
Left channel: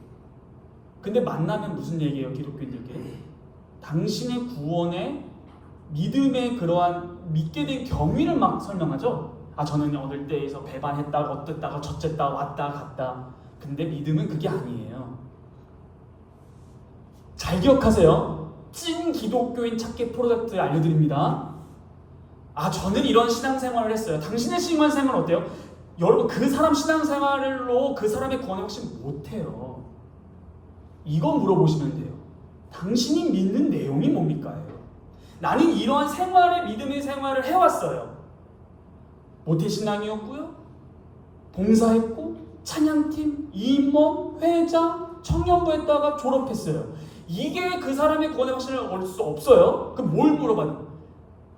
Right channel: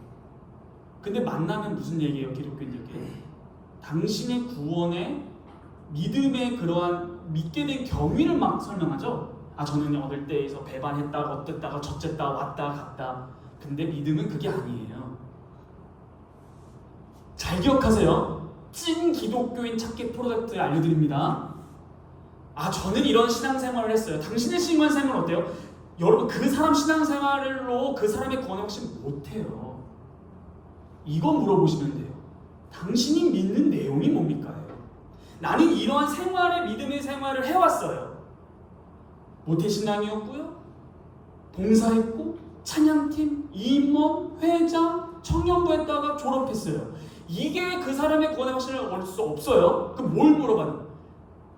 근데 만나면 무슨 얘기예요? 기독교인들께 당신의 구원의 믿음의 그러한 믿게 된 경위를 막 설명하죠. 아 저는 어릴 때에서 배반했다가 어땠다가 저쨌다가 왔다 갔다. 근데 믿음은 그게 아니에요. 잘 기억하세요. 찐 기독교인 찾기 프로젝트 알려드립니다. 아 저는 이런 신앙생활을 했어요. 당신의 신앙생활은 어때요? 여러분 그 사람 신앙생활로 그 사람의 구원을 혹시 못해요. 이거 물어보시면 돼요. 당신이 믿는 내용이 뭡니까? 나는 이러한 생활의 믿음의 생활을 해왔어요. 모태신앙이었고요. 봉사했고 찬양팀, 임원, 회장, 청년부 했다가 졸업했어요. 이게 그 사람의 구원의 확신을 얻을 수 없어요. 그럼 뭘 물어봐요?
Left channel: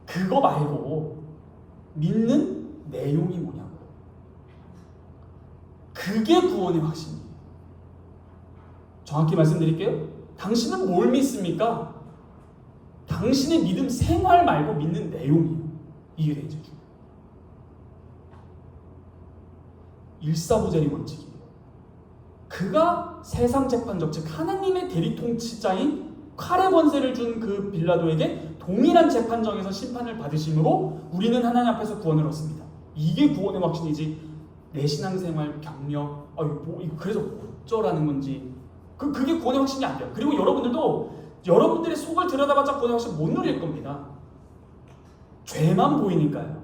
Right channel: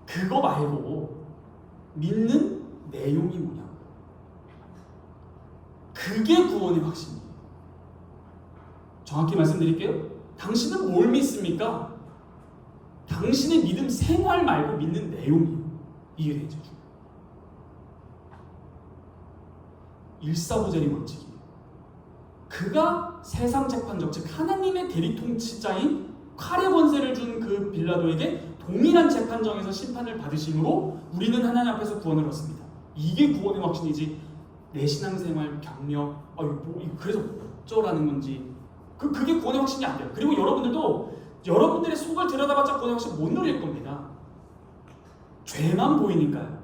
그거 말고 믿는 내용이 뭐냐고. 그게 구원의 확신이에요. 정확히 말씀드릴게요. 당신은 뭘 믿습니까? 당신의 믿음 생활 말고 믿는 내용이에요. 이게 되죠. 일사부재리 원칙이에요. 그가 세상 재판적, 즉 하나님의 대리 통치자인 칼의 권세를 준 그 빌라도에게 동일한 재판정에서 심판을 받으심으로 우리는 하나님 앞에서 구원을 얻습니다. 이게 구원의 확신이지 내 신앙생활 경력, 그래서 어쩌라는 건지 그게 구원의 확신이 안 돼요. 그리고 여러분들도 여러분들의 속을 들여다봤자 구원의 확신 못 누릴 겁니다. 죄만 보이니까요.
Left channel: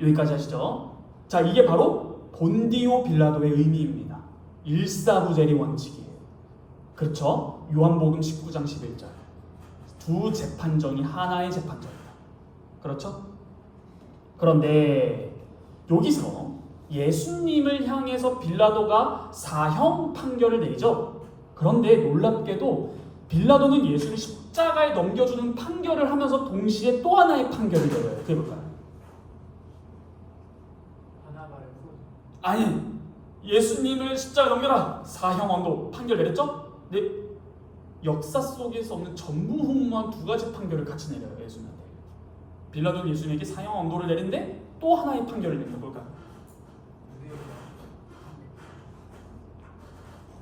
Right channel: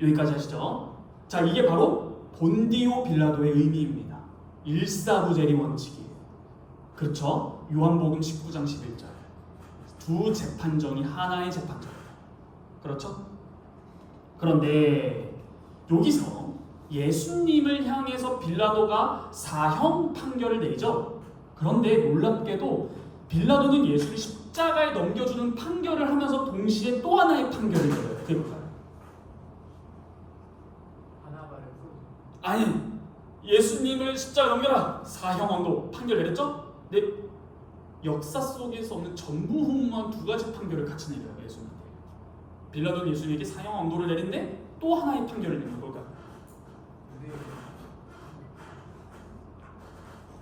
여기까지 하시죠. 자, 이게 바로 본디오 빌라도의 의미입니다. 일사부재리 원칙이에요. 그렇죠? 요한복음 19장 11절. 두 재판정이 하나의 재판정이다. 그렇죠? 그런데 여기서 예수님을 향해서 빌라도가 사형 판결을 내리죠. 그런데 놀랍게도 빌라도는 예수를 십자가에 넘겨주는 판결을 하면서 동시에 또 하나의 판결을 내려요. 그게 뭘까요? 아니, 예수님을 십자가에 넘겨라! 사형 언도 판결 내렸죠? 근데 역사 속에서 없는 전무후무한 두 가지 판결을 같이 내려요. 예수님한테. 빌라도는 예수님에게 사형 언도를 내린데 또 하나의 판결을 내는 걸까요?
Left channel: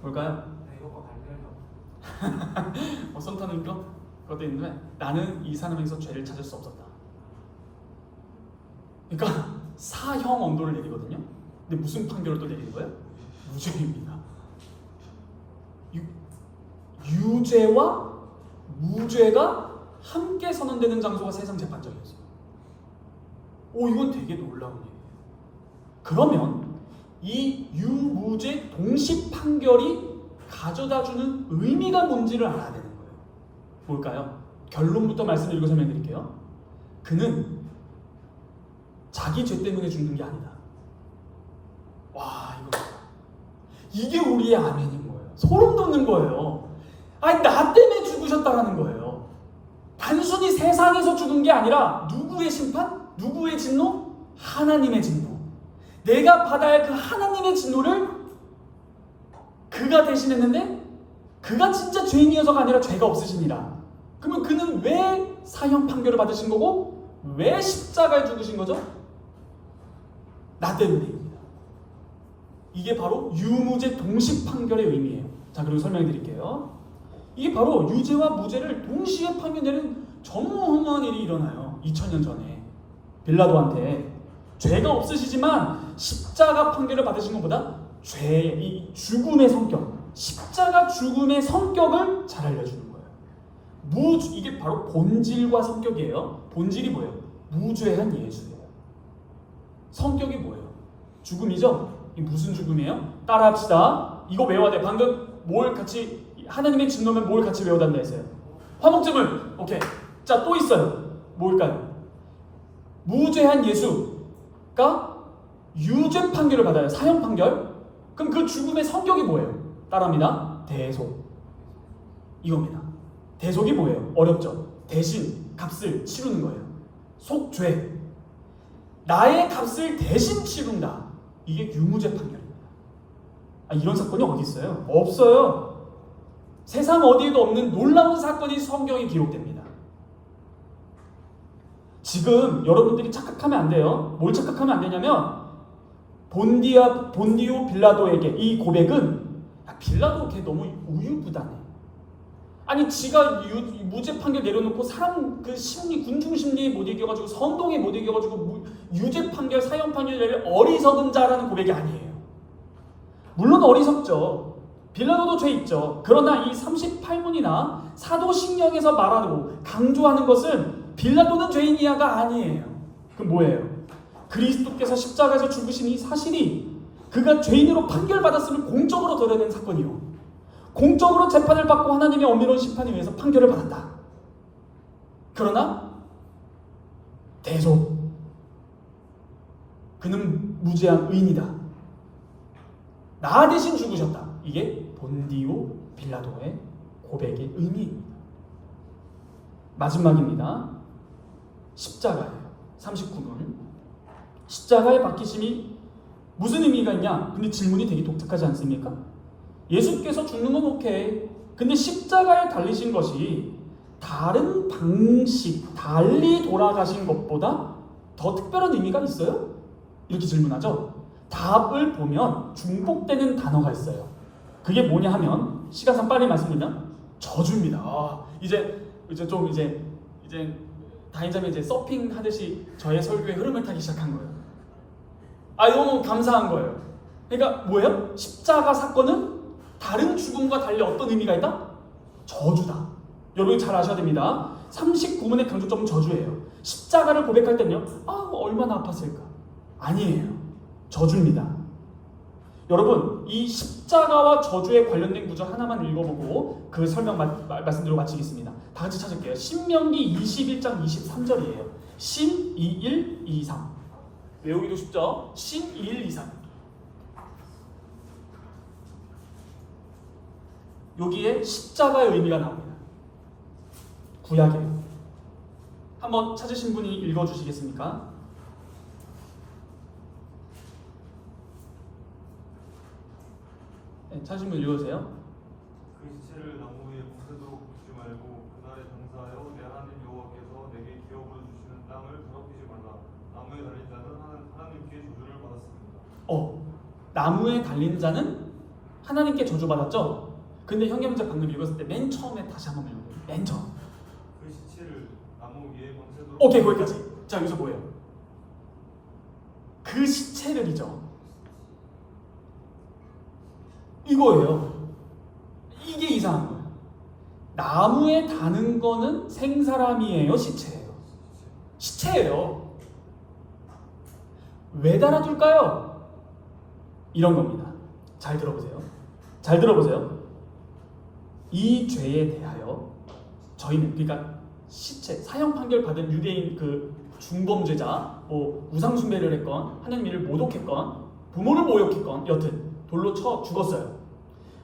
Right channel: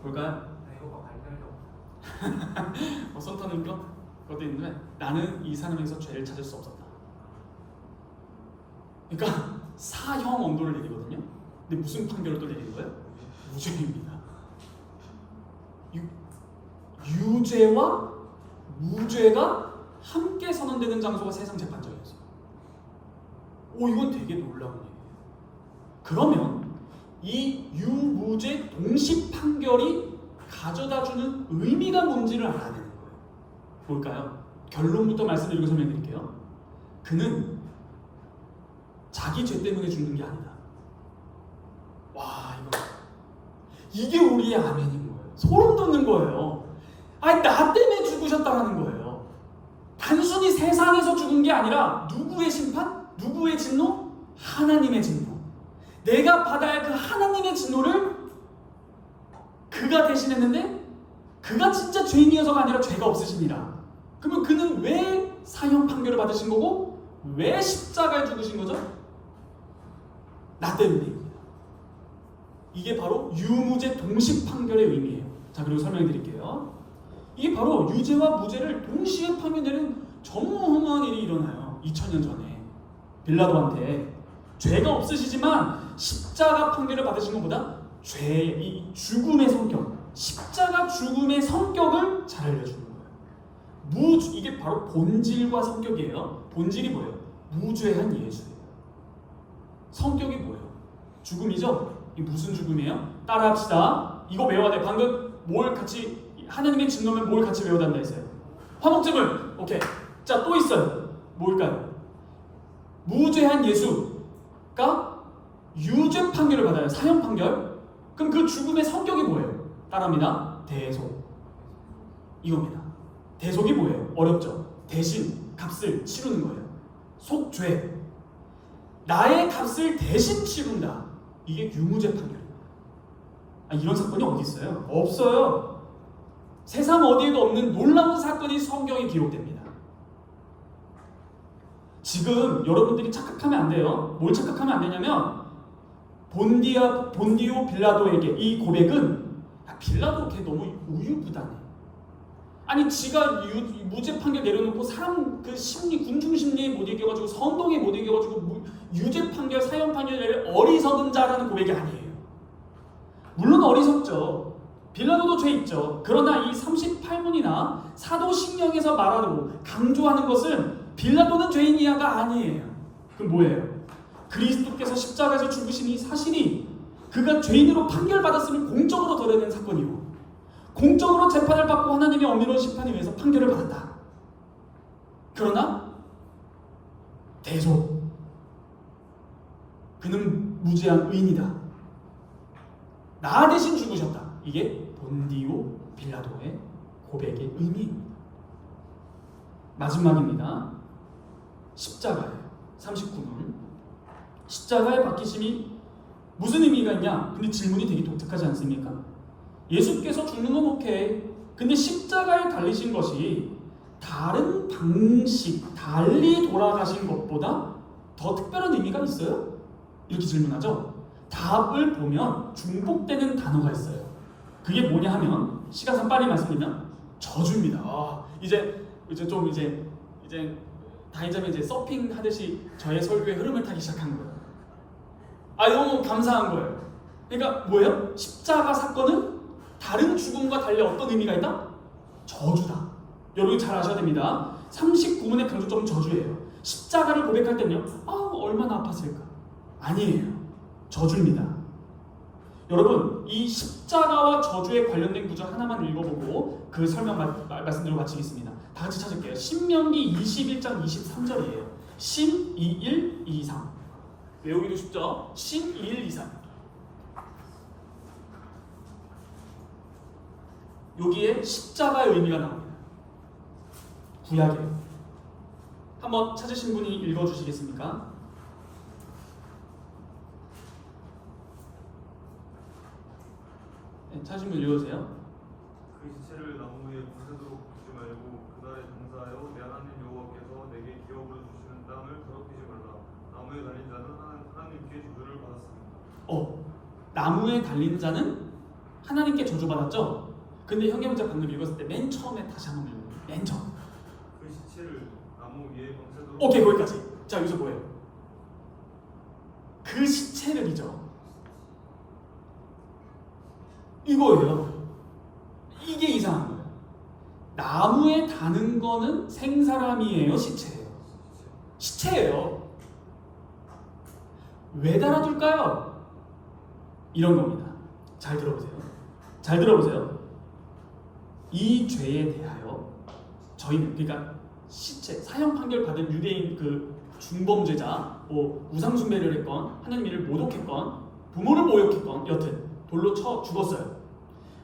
볼까요? 손 터는 거? 그것도 있는데 나는 이 사람에게서 죄를 찾을 수 없었다. 그러니까 사형 언도를 내리거든요. 근데 무슨 판결을 또 내리는 거예요? 무죄입니다. 유죄와 무죄가 함께 선언되는 장소가 세상 재판정이었어요. 오, 이건 되게 놀라운 얘기예요. 그러면 이 유무죄 동시 판결이 가져다주는 의미가 뭔지를 알아야 되는 거예요. 뭘까요? 결론부터 말씀드리고 설명드릴게요. 그는 자기 죄 때문에 죽는 게 아니다. 와, 이게 우리의 아멘인 거예요. 소름 돋는 거예요. 아니, 나 때문에 죽으셨다라는 거예요. 단순히 세상에서 죽은 게 아니라 누구의 심판? 누구의 진노? 하나님의 진노. 내가 받아야 할 그 하나님의 진노를 그가 대신했는데 그가 진짜 죄인이어서가 아니라 죄가 없으십니다. 그러면 그는 왜 사형 판결을 받으신 거고 왜 십자가에 죽으신 거죠? 나 때문입니다. 이게 바로 유무죄 동시 판결의 의미예요. 자, 그리고 설명해 드릴게요. 이게 바로 유죄와 무죄를 동시에 판결되는 전무후무한 일이 일어나요. 2000년 전에 빌라도한테 죄가 없으시지만 십자가 판결을 받으신 것보다 죄의 이 죽음의 성격, 십자가 죽음의 성격을 잘 알려주는 거예요. 이게 바로 본질과 성격이에요. 본질이 뭐예요? 무죄한 예수예요. 성격이 뭐예요? 죽음이죠? 이 무슨 죽음이에요? 따라합시다. 이거 외워야 돼. 방금 뭘 같이 하나님의 진노면 뭘 같이 외워야 한다 했어요? 화목제물. 오케이. 자, 또 있어요. 뭘까요? 무죄한 예수가 유죄 판결을 받아요. 사형 판결. 그럼 그 죽음의 성격이 뭐예요? 따라합니다. 대속. 이겁니다. 대속이 뭐예요? 어렵죠? 대신 값을 치르는 거예요. 속죄. 나의 값을 대신 치른다. 이게 유무죄 판결입니다. 이런 사건이 어디 있어요? 없어요. 세상 어디에도 없는 놀라운 사건이 성경에 기록됩니다. 지금 여러분들이 착각하면 안 돼요. 뭘 착각하면 안 되냐면 본디오 빌라도에게 이 고백은 빌라도 걔 너무 우유부단해. 아니 지가 무죄 판결 내려놓고 사람 그 심리 군중 심리에 못 이겨가지고 선동에 못 이겨가지고 유죄 판결 사형 판결 내릴 어리석은 자라는 고백이 아니에요. 물론 어리석죠. 빌라도도 죄 있죠. 그러나 이 38문이나 사도신경에서 말하고 강조하는 것은 빌라도는 죄인이야가 아니에요. 그럼 뭐예요? 그리스도께서 십자가에서 죽으신 이 사실이 그가 죄인으로 판결받았음을 공적으로 드러낸 사건이고 공적으로 재판을 받고 하나님의 엄밀한 심판을 위해서 판결을 받았다. 그러나 대속. 그는 무죄한 의인이다. 나 대신 죽으셨다. 이게 본디오 빌라도의 고백의 의미입니다. 마지막입니다. 십자가예요. 39문. 십자가의 박히심이 무슨 의미가 있냐? 근데 질문이 되게 독특하지 않습니까? 예수께서 죽는 건 오케이. 근데 십자가에 달리신 것이 다른 방식, 달리 돌아가신 것보다 더 특별한 의미가 있어요? 이렇게 질문하죠. 답을 보면 중복되는 단어가 있어요. 그게 뭐냐 하면 시간상 빨리 말씀드리면 저주입니다. 이제 다인자매 이제 서핑 하듯이 저의 설교의 흐름을 타기 시작한 거예요. 너무 감사한 거예요. 그러니까 뭐예요? 십자가 사건은 다른 죽음과 달리 어떤 의미가 있다? 저주다. 여러분 잘 아셔야 됩니다. 39문의 강조점은 저주예요. 십자가를 고백할 때는요. 얼마나 아팠을까? 아니에요. 저주입니다. 여러분 이 십자가와 저주에 관련된 구절 하나만 읽어보고 그 설명 말씀드리고 마치겠습니다. 다 같이 찾을게요. 신명기 21장 23절이에요. 신 21, 23 외우기도 쉽죠? 신 21, 23 여기에 십자가의 의미가 나옵니다. 구약이에요. 한번 찾으신 분이 읽어주시겠습니까? 네, 찾으신 분 읽어주세요. 그 시체를 나무 위에 밤새도록 굽지 말고 그날에 장사하여 내 하나님 여호와께서 내게 기업으로 주시는 땅을 더럽히지 말라. 나무에 달린 자는 하나님께 저주를 받았습니다. 나무에 달린 자는 하나님께 저주받았죠? 근데 형제문제 방금 읽었을 때 맨 처음에 다시 한번 읽어요. 맨 처음. 그 시체를 나무 위에 밤새도록 오케이, 거기까지. 자, 여기서 뭐예요? 그 시체를 잊어. 이거예요. 이게 이상한 거예요. 나무에 다는 거는 생사람이에요, 시체예요? 시체예요. 왜 달아둘까요? 이런 겁니다. 잘 들어보세요. 잘 들어보세요. 이 죄에 대하여 저희는, 그러니까 시체, 사형 판결 받은 유대인 그 중범죄자, 뭐 우상숭배를 했건 하나님 일을 모독했건 부모를 모욕했건 여튼 돌로 쳐 죽었어요.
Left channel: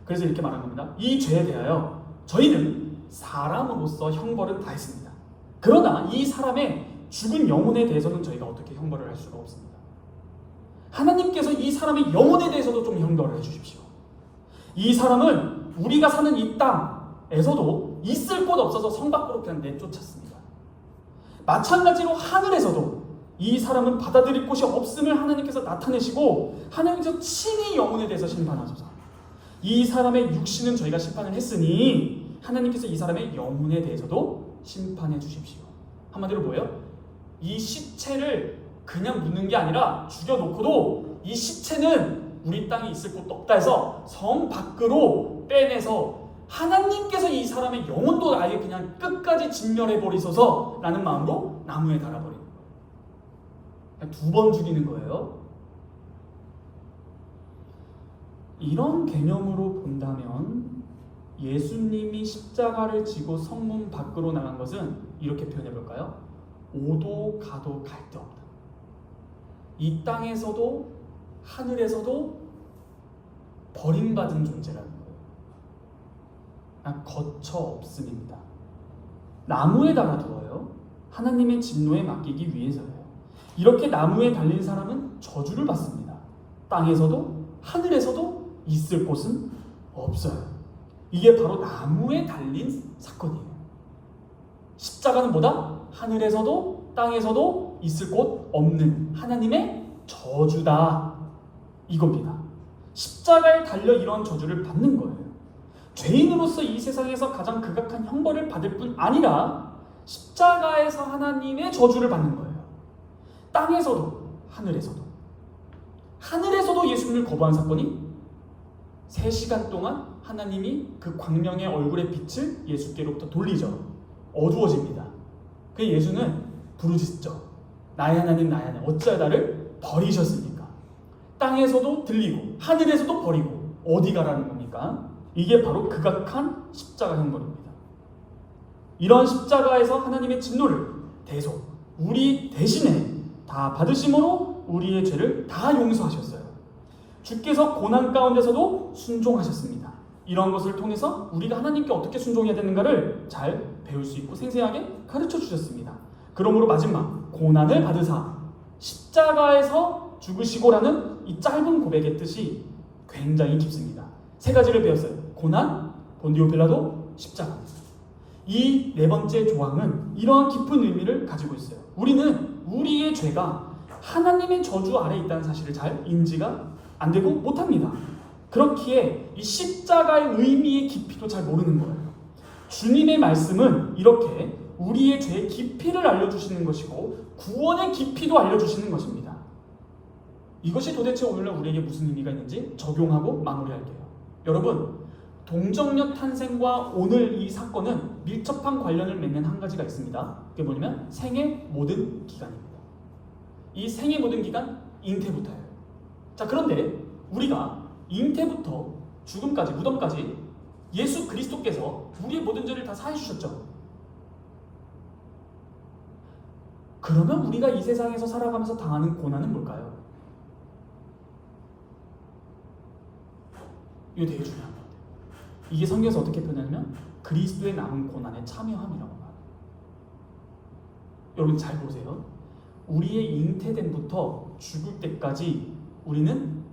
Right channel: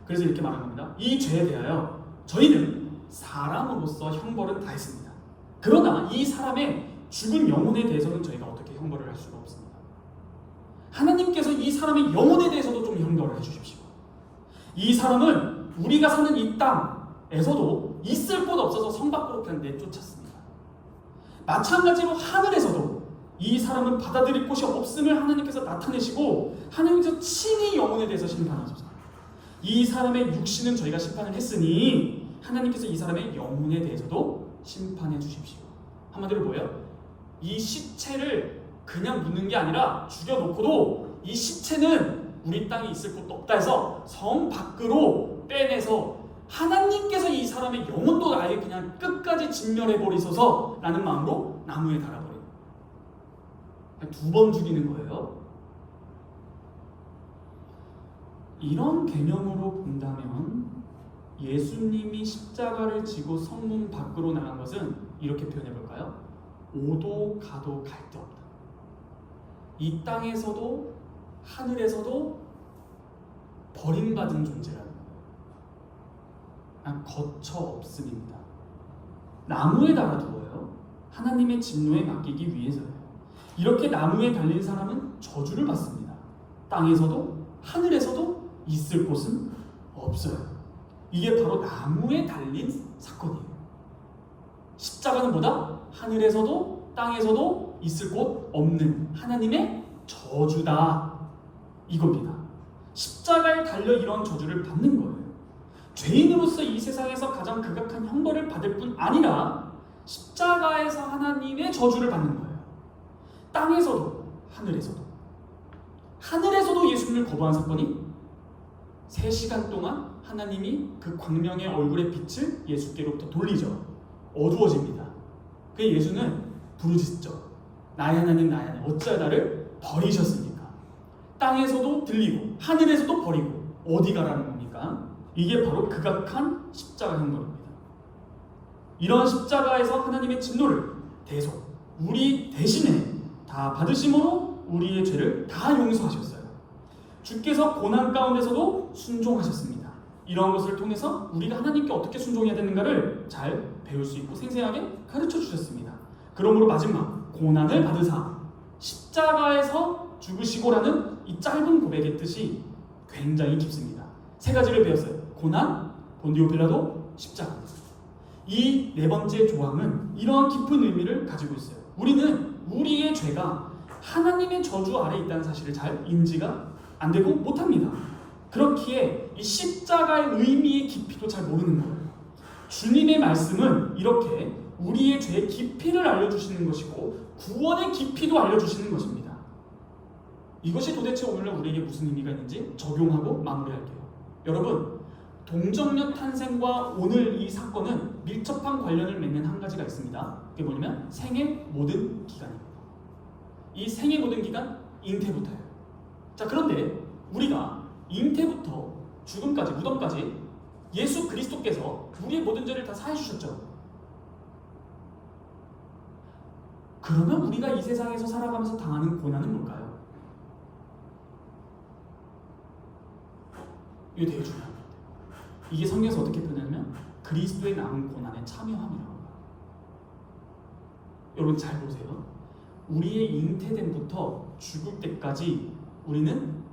그래서 이렇게 말하는 겁니다. 이 죄에 대하여 저희는 사람으로서 형벌은 다 했습니다. 그러나 이 사람의 죽은 영혼에 대해서는 저희가 어떻게 형벌을 할 수가 없습니다. 하나님께서 이 사람의 영혼에 대해서도 좀 형벌을 해주십시오. 이 사람은 우리가 사는 이 땅에서도 있을 곳 없어서 성 밖으로 그냥 내쫓았습니다. 마찬가지로 하늘에서도 이 사람은 받아들일 곳이 없음을 하나님께서 나타내시고 하나님께서 친히 영혼에 대해서 심판하소서. 이 사람의 육신은 저희가 심판을 했으니 하나님께서 이 사람의 영혼에 대해서도 심판해 주십시오. 한마디로 뭐예요? 이 시체를 그냥 묻는 게 아니라 죽여놓고도 이 시체는 우리 땅에 있을 곳도 없다 해서 성 밖으로 빼내서 하나님께서 이 사람의 영혼도 아예 그냥 끝까지 진멸해버리소서 라는 마음으로 나무에 달아버려요. 2번 죽이는 거예요. 이런 개념으로 본다면 예수님이 십자가를 지고 성문 밖으로 나간 것은 이렇게 표현해볼까요? 오도 가도 갈 데 없다. 이 땅에서도 하늘에서도 버림받은 존재라는 거예요. 거처 없음입니다. 나무에 달아두어요. 하나님의 진노에 맡기기 위해서요. 이렇게 나무에 달린 사람은 저주를 받습니다. 땅에서도 하늘에서도 있을 곳은 없어요. 이게 바로 나무에 달린 사건이에요. 십자가는 뭐다? 하늘에서도 땅에서도 있을 곳 없는 하나님의 저주다. 이겁니다. 십자가에 달려 이런 저주를 받는 거예요. 죄인으로서 이 세상에서 가장 극악한 형벌을 받을 뿐 아니라 십자가에서 하나님의 저주를 받는 거예요. 땅에서도 하늘에서도 예수님을 거부한 사건이 3시간 동안 하나님이 그 광명의 얼굴의 빛을 예수께로부터 돌리죠. 어두워집니다. 그 예수는 부르짖죠. 나의 하나님 나의 하나님 어찌하여 나를 버리셨습니까? 땅에서도 들리고 하늘에서도 버리고 어디 가라는 겁니까? 이게 바로 극악한 십자가 형벌입니다. 이런 십자가에서 하나님의 진노를 대속 우리 대신에 다 받으심으로 우리의 죄를 다 용서하셨어요. 주께서 고난 가운데서도 순종하셨습니다. 이런 것을 통해서 우리가 하나님께 어떻게 순종해야 되는가를 잘 배울 수 있고 생생하게 가르쳐 주셨습니다. 그러므로 마지막 고난을 받으사 십자가에서 죽으시고라는 이 짧은 고백의 뜻이 굉장히 깊습니다. 3가지를 배웠어요. 고난, 본디오 빌라도, 십자가. 이 4번째 조항은 이러한 깊은 의미를 가지고 있어요. 우리는 우리의 죄가 하나님의 저주 아래 있다는 사실을 잘 인지가 안 되고 못합니다. 그렇기에 이 십자가의 의미의 깊이도 잘 모르는 거예요. 주님의 말씀은 이렇게 우리의 죄의 깊이를 알려주시는 것이고 구원의 깊이도 알려주시는 것입니다. 이것이 도대체 오늘날 우리에게 무슨 의미가 있는지 적용하고 마무리할게요. 여러분, 동정녀 탄생과 오늘 이 사건은 밀접한 관련을 맺는 한 가지가 있습니다. 그게 뭐냐면 생의 모든 기간입니다. 이 생의 모든 기간, 잉태부터예요. 자, 그런데 우리가 잉태부터 죽음까지, 무덤까지 예수 그리스도께서 우리의 모든 죄를 다 사해 주셨죠. 그러면 우리가 이 세상에서 살아가면서 당하는 고난은 뭘까요? 이거 되게 중요한 겁니다. 이게 성경에서 어떻게 표현하냐면 그리스도의 남은 고난에 참여함이라고 해요. 여러분 잘 보세요. 우리의 잉태됨부터 죽을 때까지 우리는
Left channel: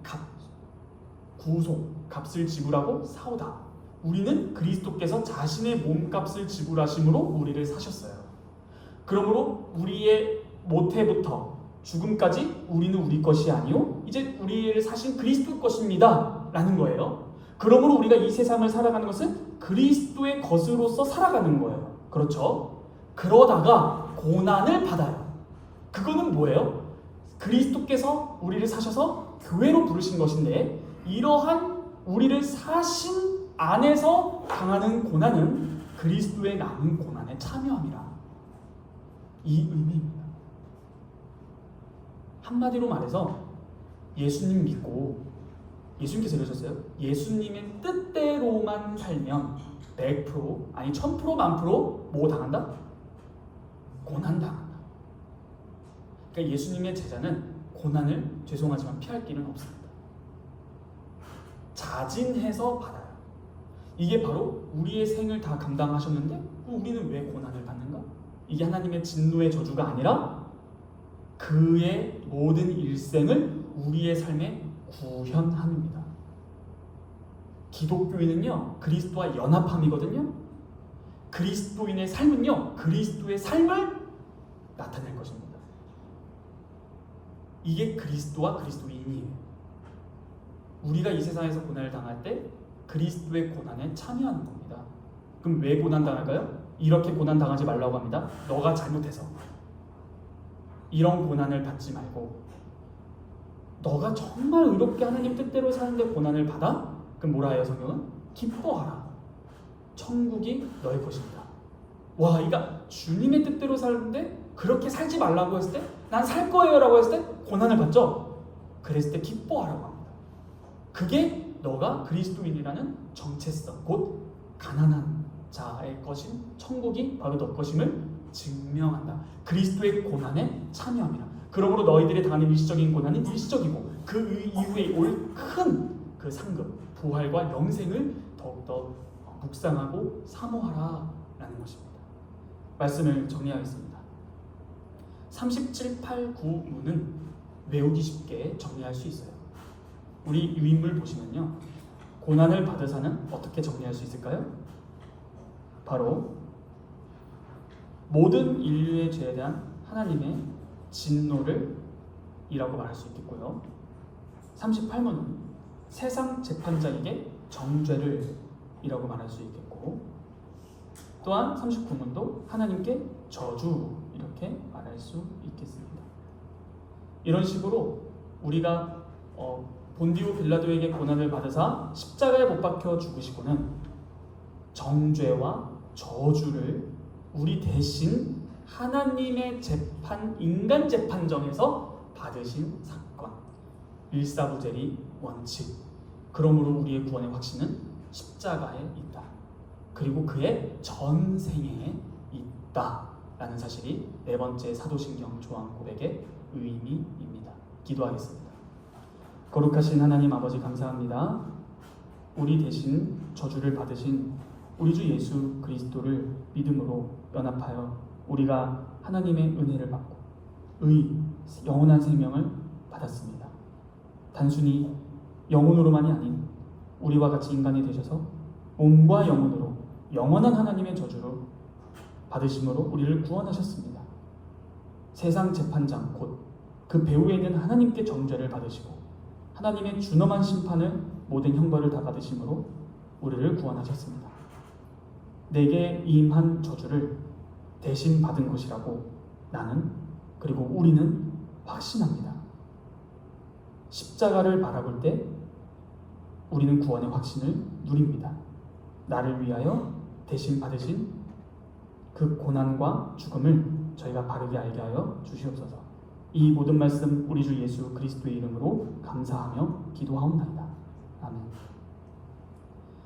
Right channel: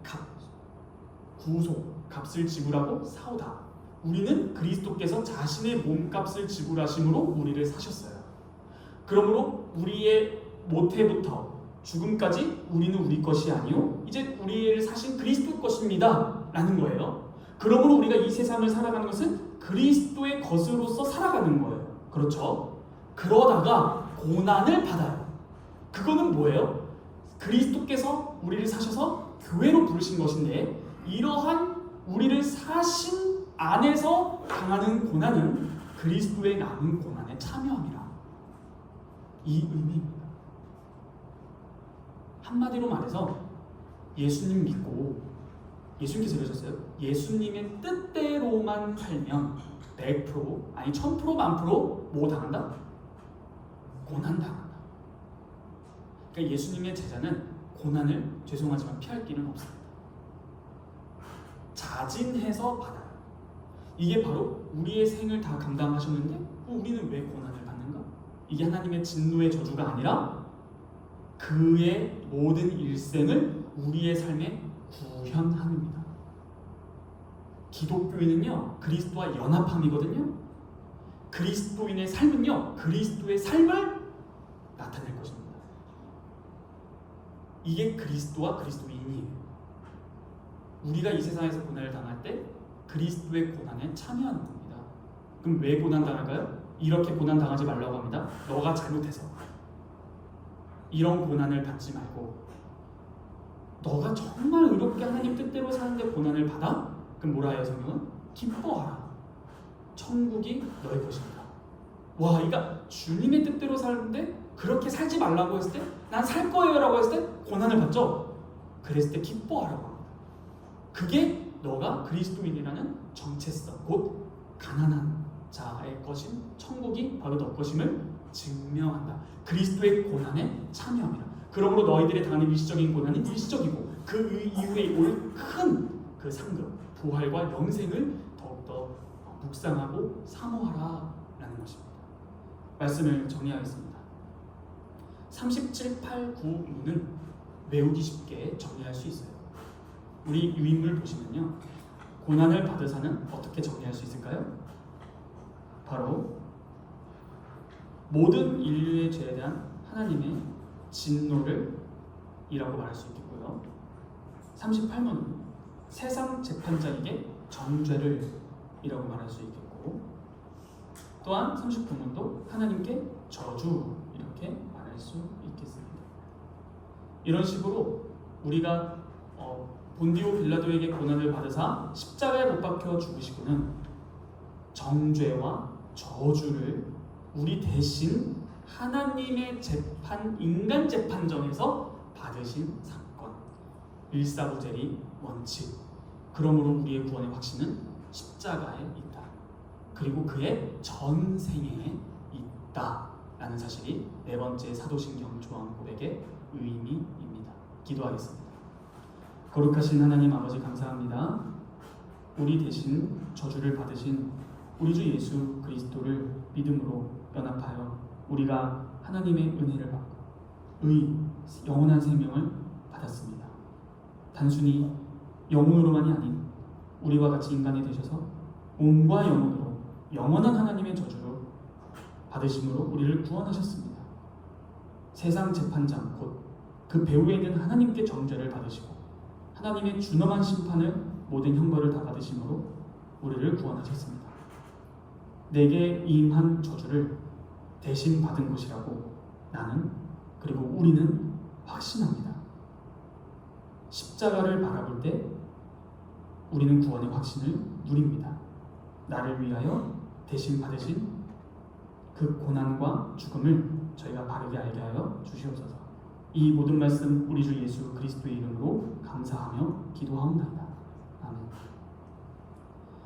구속, 값을 지불하고 싸우다. 우리는 그리스도께서 자신의 몸값을 지불하심으로 우리를 사셨어요. 그러므로 우리의 모태부터 죽음까지 우리는 우리 것이 아니요 이제 우리를 사신 그리스도 것입니다 라는 거예요. 그러므로 우리가 이 세상을 살아가는 것은 그리스도의 것으로서 살아가는 거예요. 그렇죠? 그러다가 고난을 받아요. 그거는 뭐예요? 그리스도께서 우리를 사셔서 교회로 부르신 것인데 이러한 우리를 사신 안에서 당하는 고난은 그리스도의 남은 고난에 참여함이라. 이 의미입니다. 한마디로 말해서 예수님 믿고 예수님께서 이러셨어요. 예수님의 뜻대로만 살면 100% 아니 1000% 만프로 뭐 당한다? 고난 당한다. 그러니까 예수님의 제자는 고난을 죄송하지만 피할 길은 없습니다. 자진해서 받아요. 이게 바로 우리의 생을 다 감당하셨는데 우리는 왜 고난을 받는가? 이게 하나님의 진노의 저주가 아니라 그의 모든 일생을 우리의 삶에 구현함입니다. 기독교인은요 그리스도와 연합함이거든요. 그리스도인의 삶은요 그리스도의 삶을 나타낼 것입니다. 이게 그리스도와 그리스도인이에요. 우리가 이 세상에서 고난을 당할 때 그리스도의 고난에 참여하는 겁니다. 그럼 왜 고난 당할까요? 이렇게 고난 당하지 말라고 합니다. 너가 잘못해서. 이런 고난을 받지 말고 너가 정말 의롭게 하나님 뜻대로 사는데 고난을 받아? 그럼 뭐라 해요 성경은? 기뻐하라. 천국이 너의 것입니다. 와, 그러니까 주님의 뜻대로 사는데 그렇게 살지 말라고 했을 때 난 살 거예요 라고 했을 때 고난을 받죠? 그랬을 때 기뻐하라고 합니다. 그게 너가 그리스도인이라는 정체성, 곧 가난한 자의 것인 천국이 바로 너 것임을 증명한다. 그리스도의 고난에 참여함이라. 그러므로 너희들이 당하는 일시적인 고난은 일시적이고 그 이후에 올 큰 그 상급, 부활과 영생을 더욱더 묵상하고 사모하라 라는 것입니다. 말씀을 정리하겠습니다. 37, 8, 9문은 외우기 쉽게 정리할 수 있어요. 우리 유인물 보시면요, 고난을 받으사는 어떻게 정리할 수 있을까요? 바로 모든 인류의 죄에 대한 하나님의 진노를 이라고 말할 수 있겠고요. 38문은 세상 재판장에게 정죄를 이라고 말할 수 있겠고, 또한 39문도 하나님께 저주 이렇게 말할 수 있겠습니다. 이런 식으로 우리가 본디오 빌라도에게 고난을 받으사 십자가에 못 박혀 죽으시고는 정죄와 저주를 우리 대신 하나님의 재판, 인간 재판정에서 받으신 사건, 일사부재리 원칙. 그러므로 우리의 구원의 확신은 십자가에 있다. 그리고 그의 전생에 있다라는 사실이 네 번째 사도신경 조항 고백의 의미입니다. 기도하겠습니다. 거룩하신 하나님 아버지 감사합니다. 우리 대신 저주를 받으신 우리 주 예수 그리스도를 믿음으로 연합하여 우리가 하나님의 은혜를 받고 영원한 생명을 받았습니다. 단순히 영혼으로만이 아닌 우리와 같이 인간이 되셔서 몸과 영혼으로 영원한 하나님의 저주로 받으심으로 우리를 구원하셨습니다. 세상 재판장 곧 그 배후에 있는 하나님께 정죄를 받으시고 하나님의 준엄한 심판을 모든 형벌을 다 받으심으로 우리를 구원하셨습니다. 내게 임한 저주를 대신 받은 것이라고 나는 그리고 우리는 확신합니다. 십자가를 바라볼 때 우리는 구원의 확신을 누립니다. 나를 위하여 대신 받으신 그 고난과 죽음을 저희가 바르게 알게 하여 주시옵소서. 이 모든 말씀 우리 주 예수 그리스도의 이름으로 감사하며 기도하옵나이다. 아멘.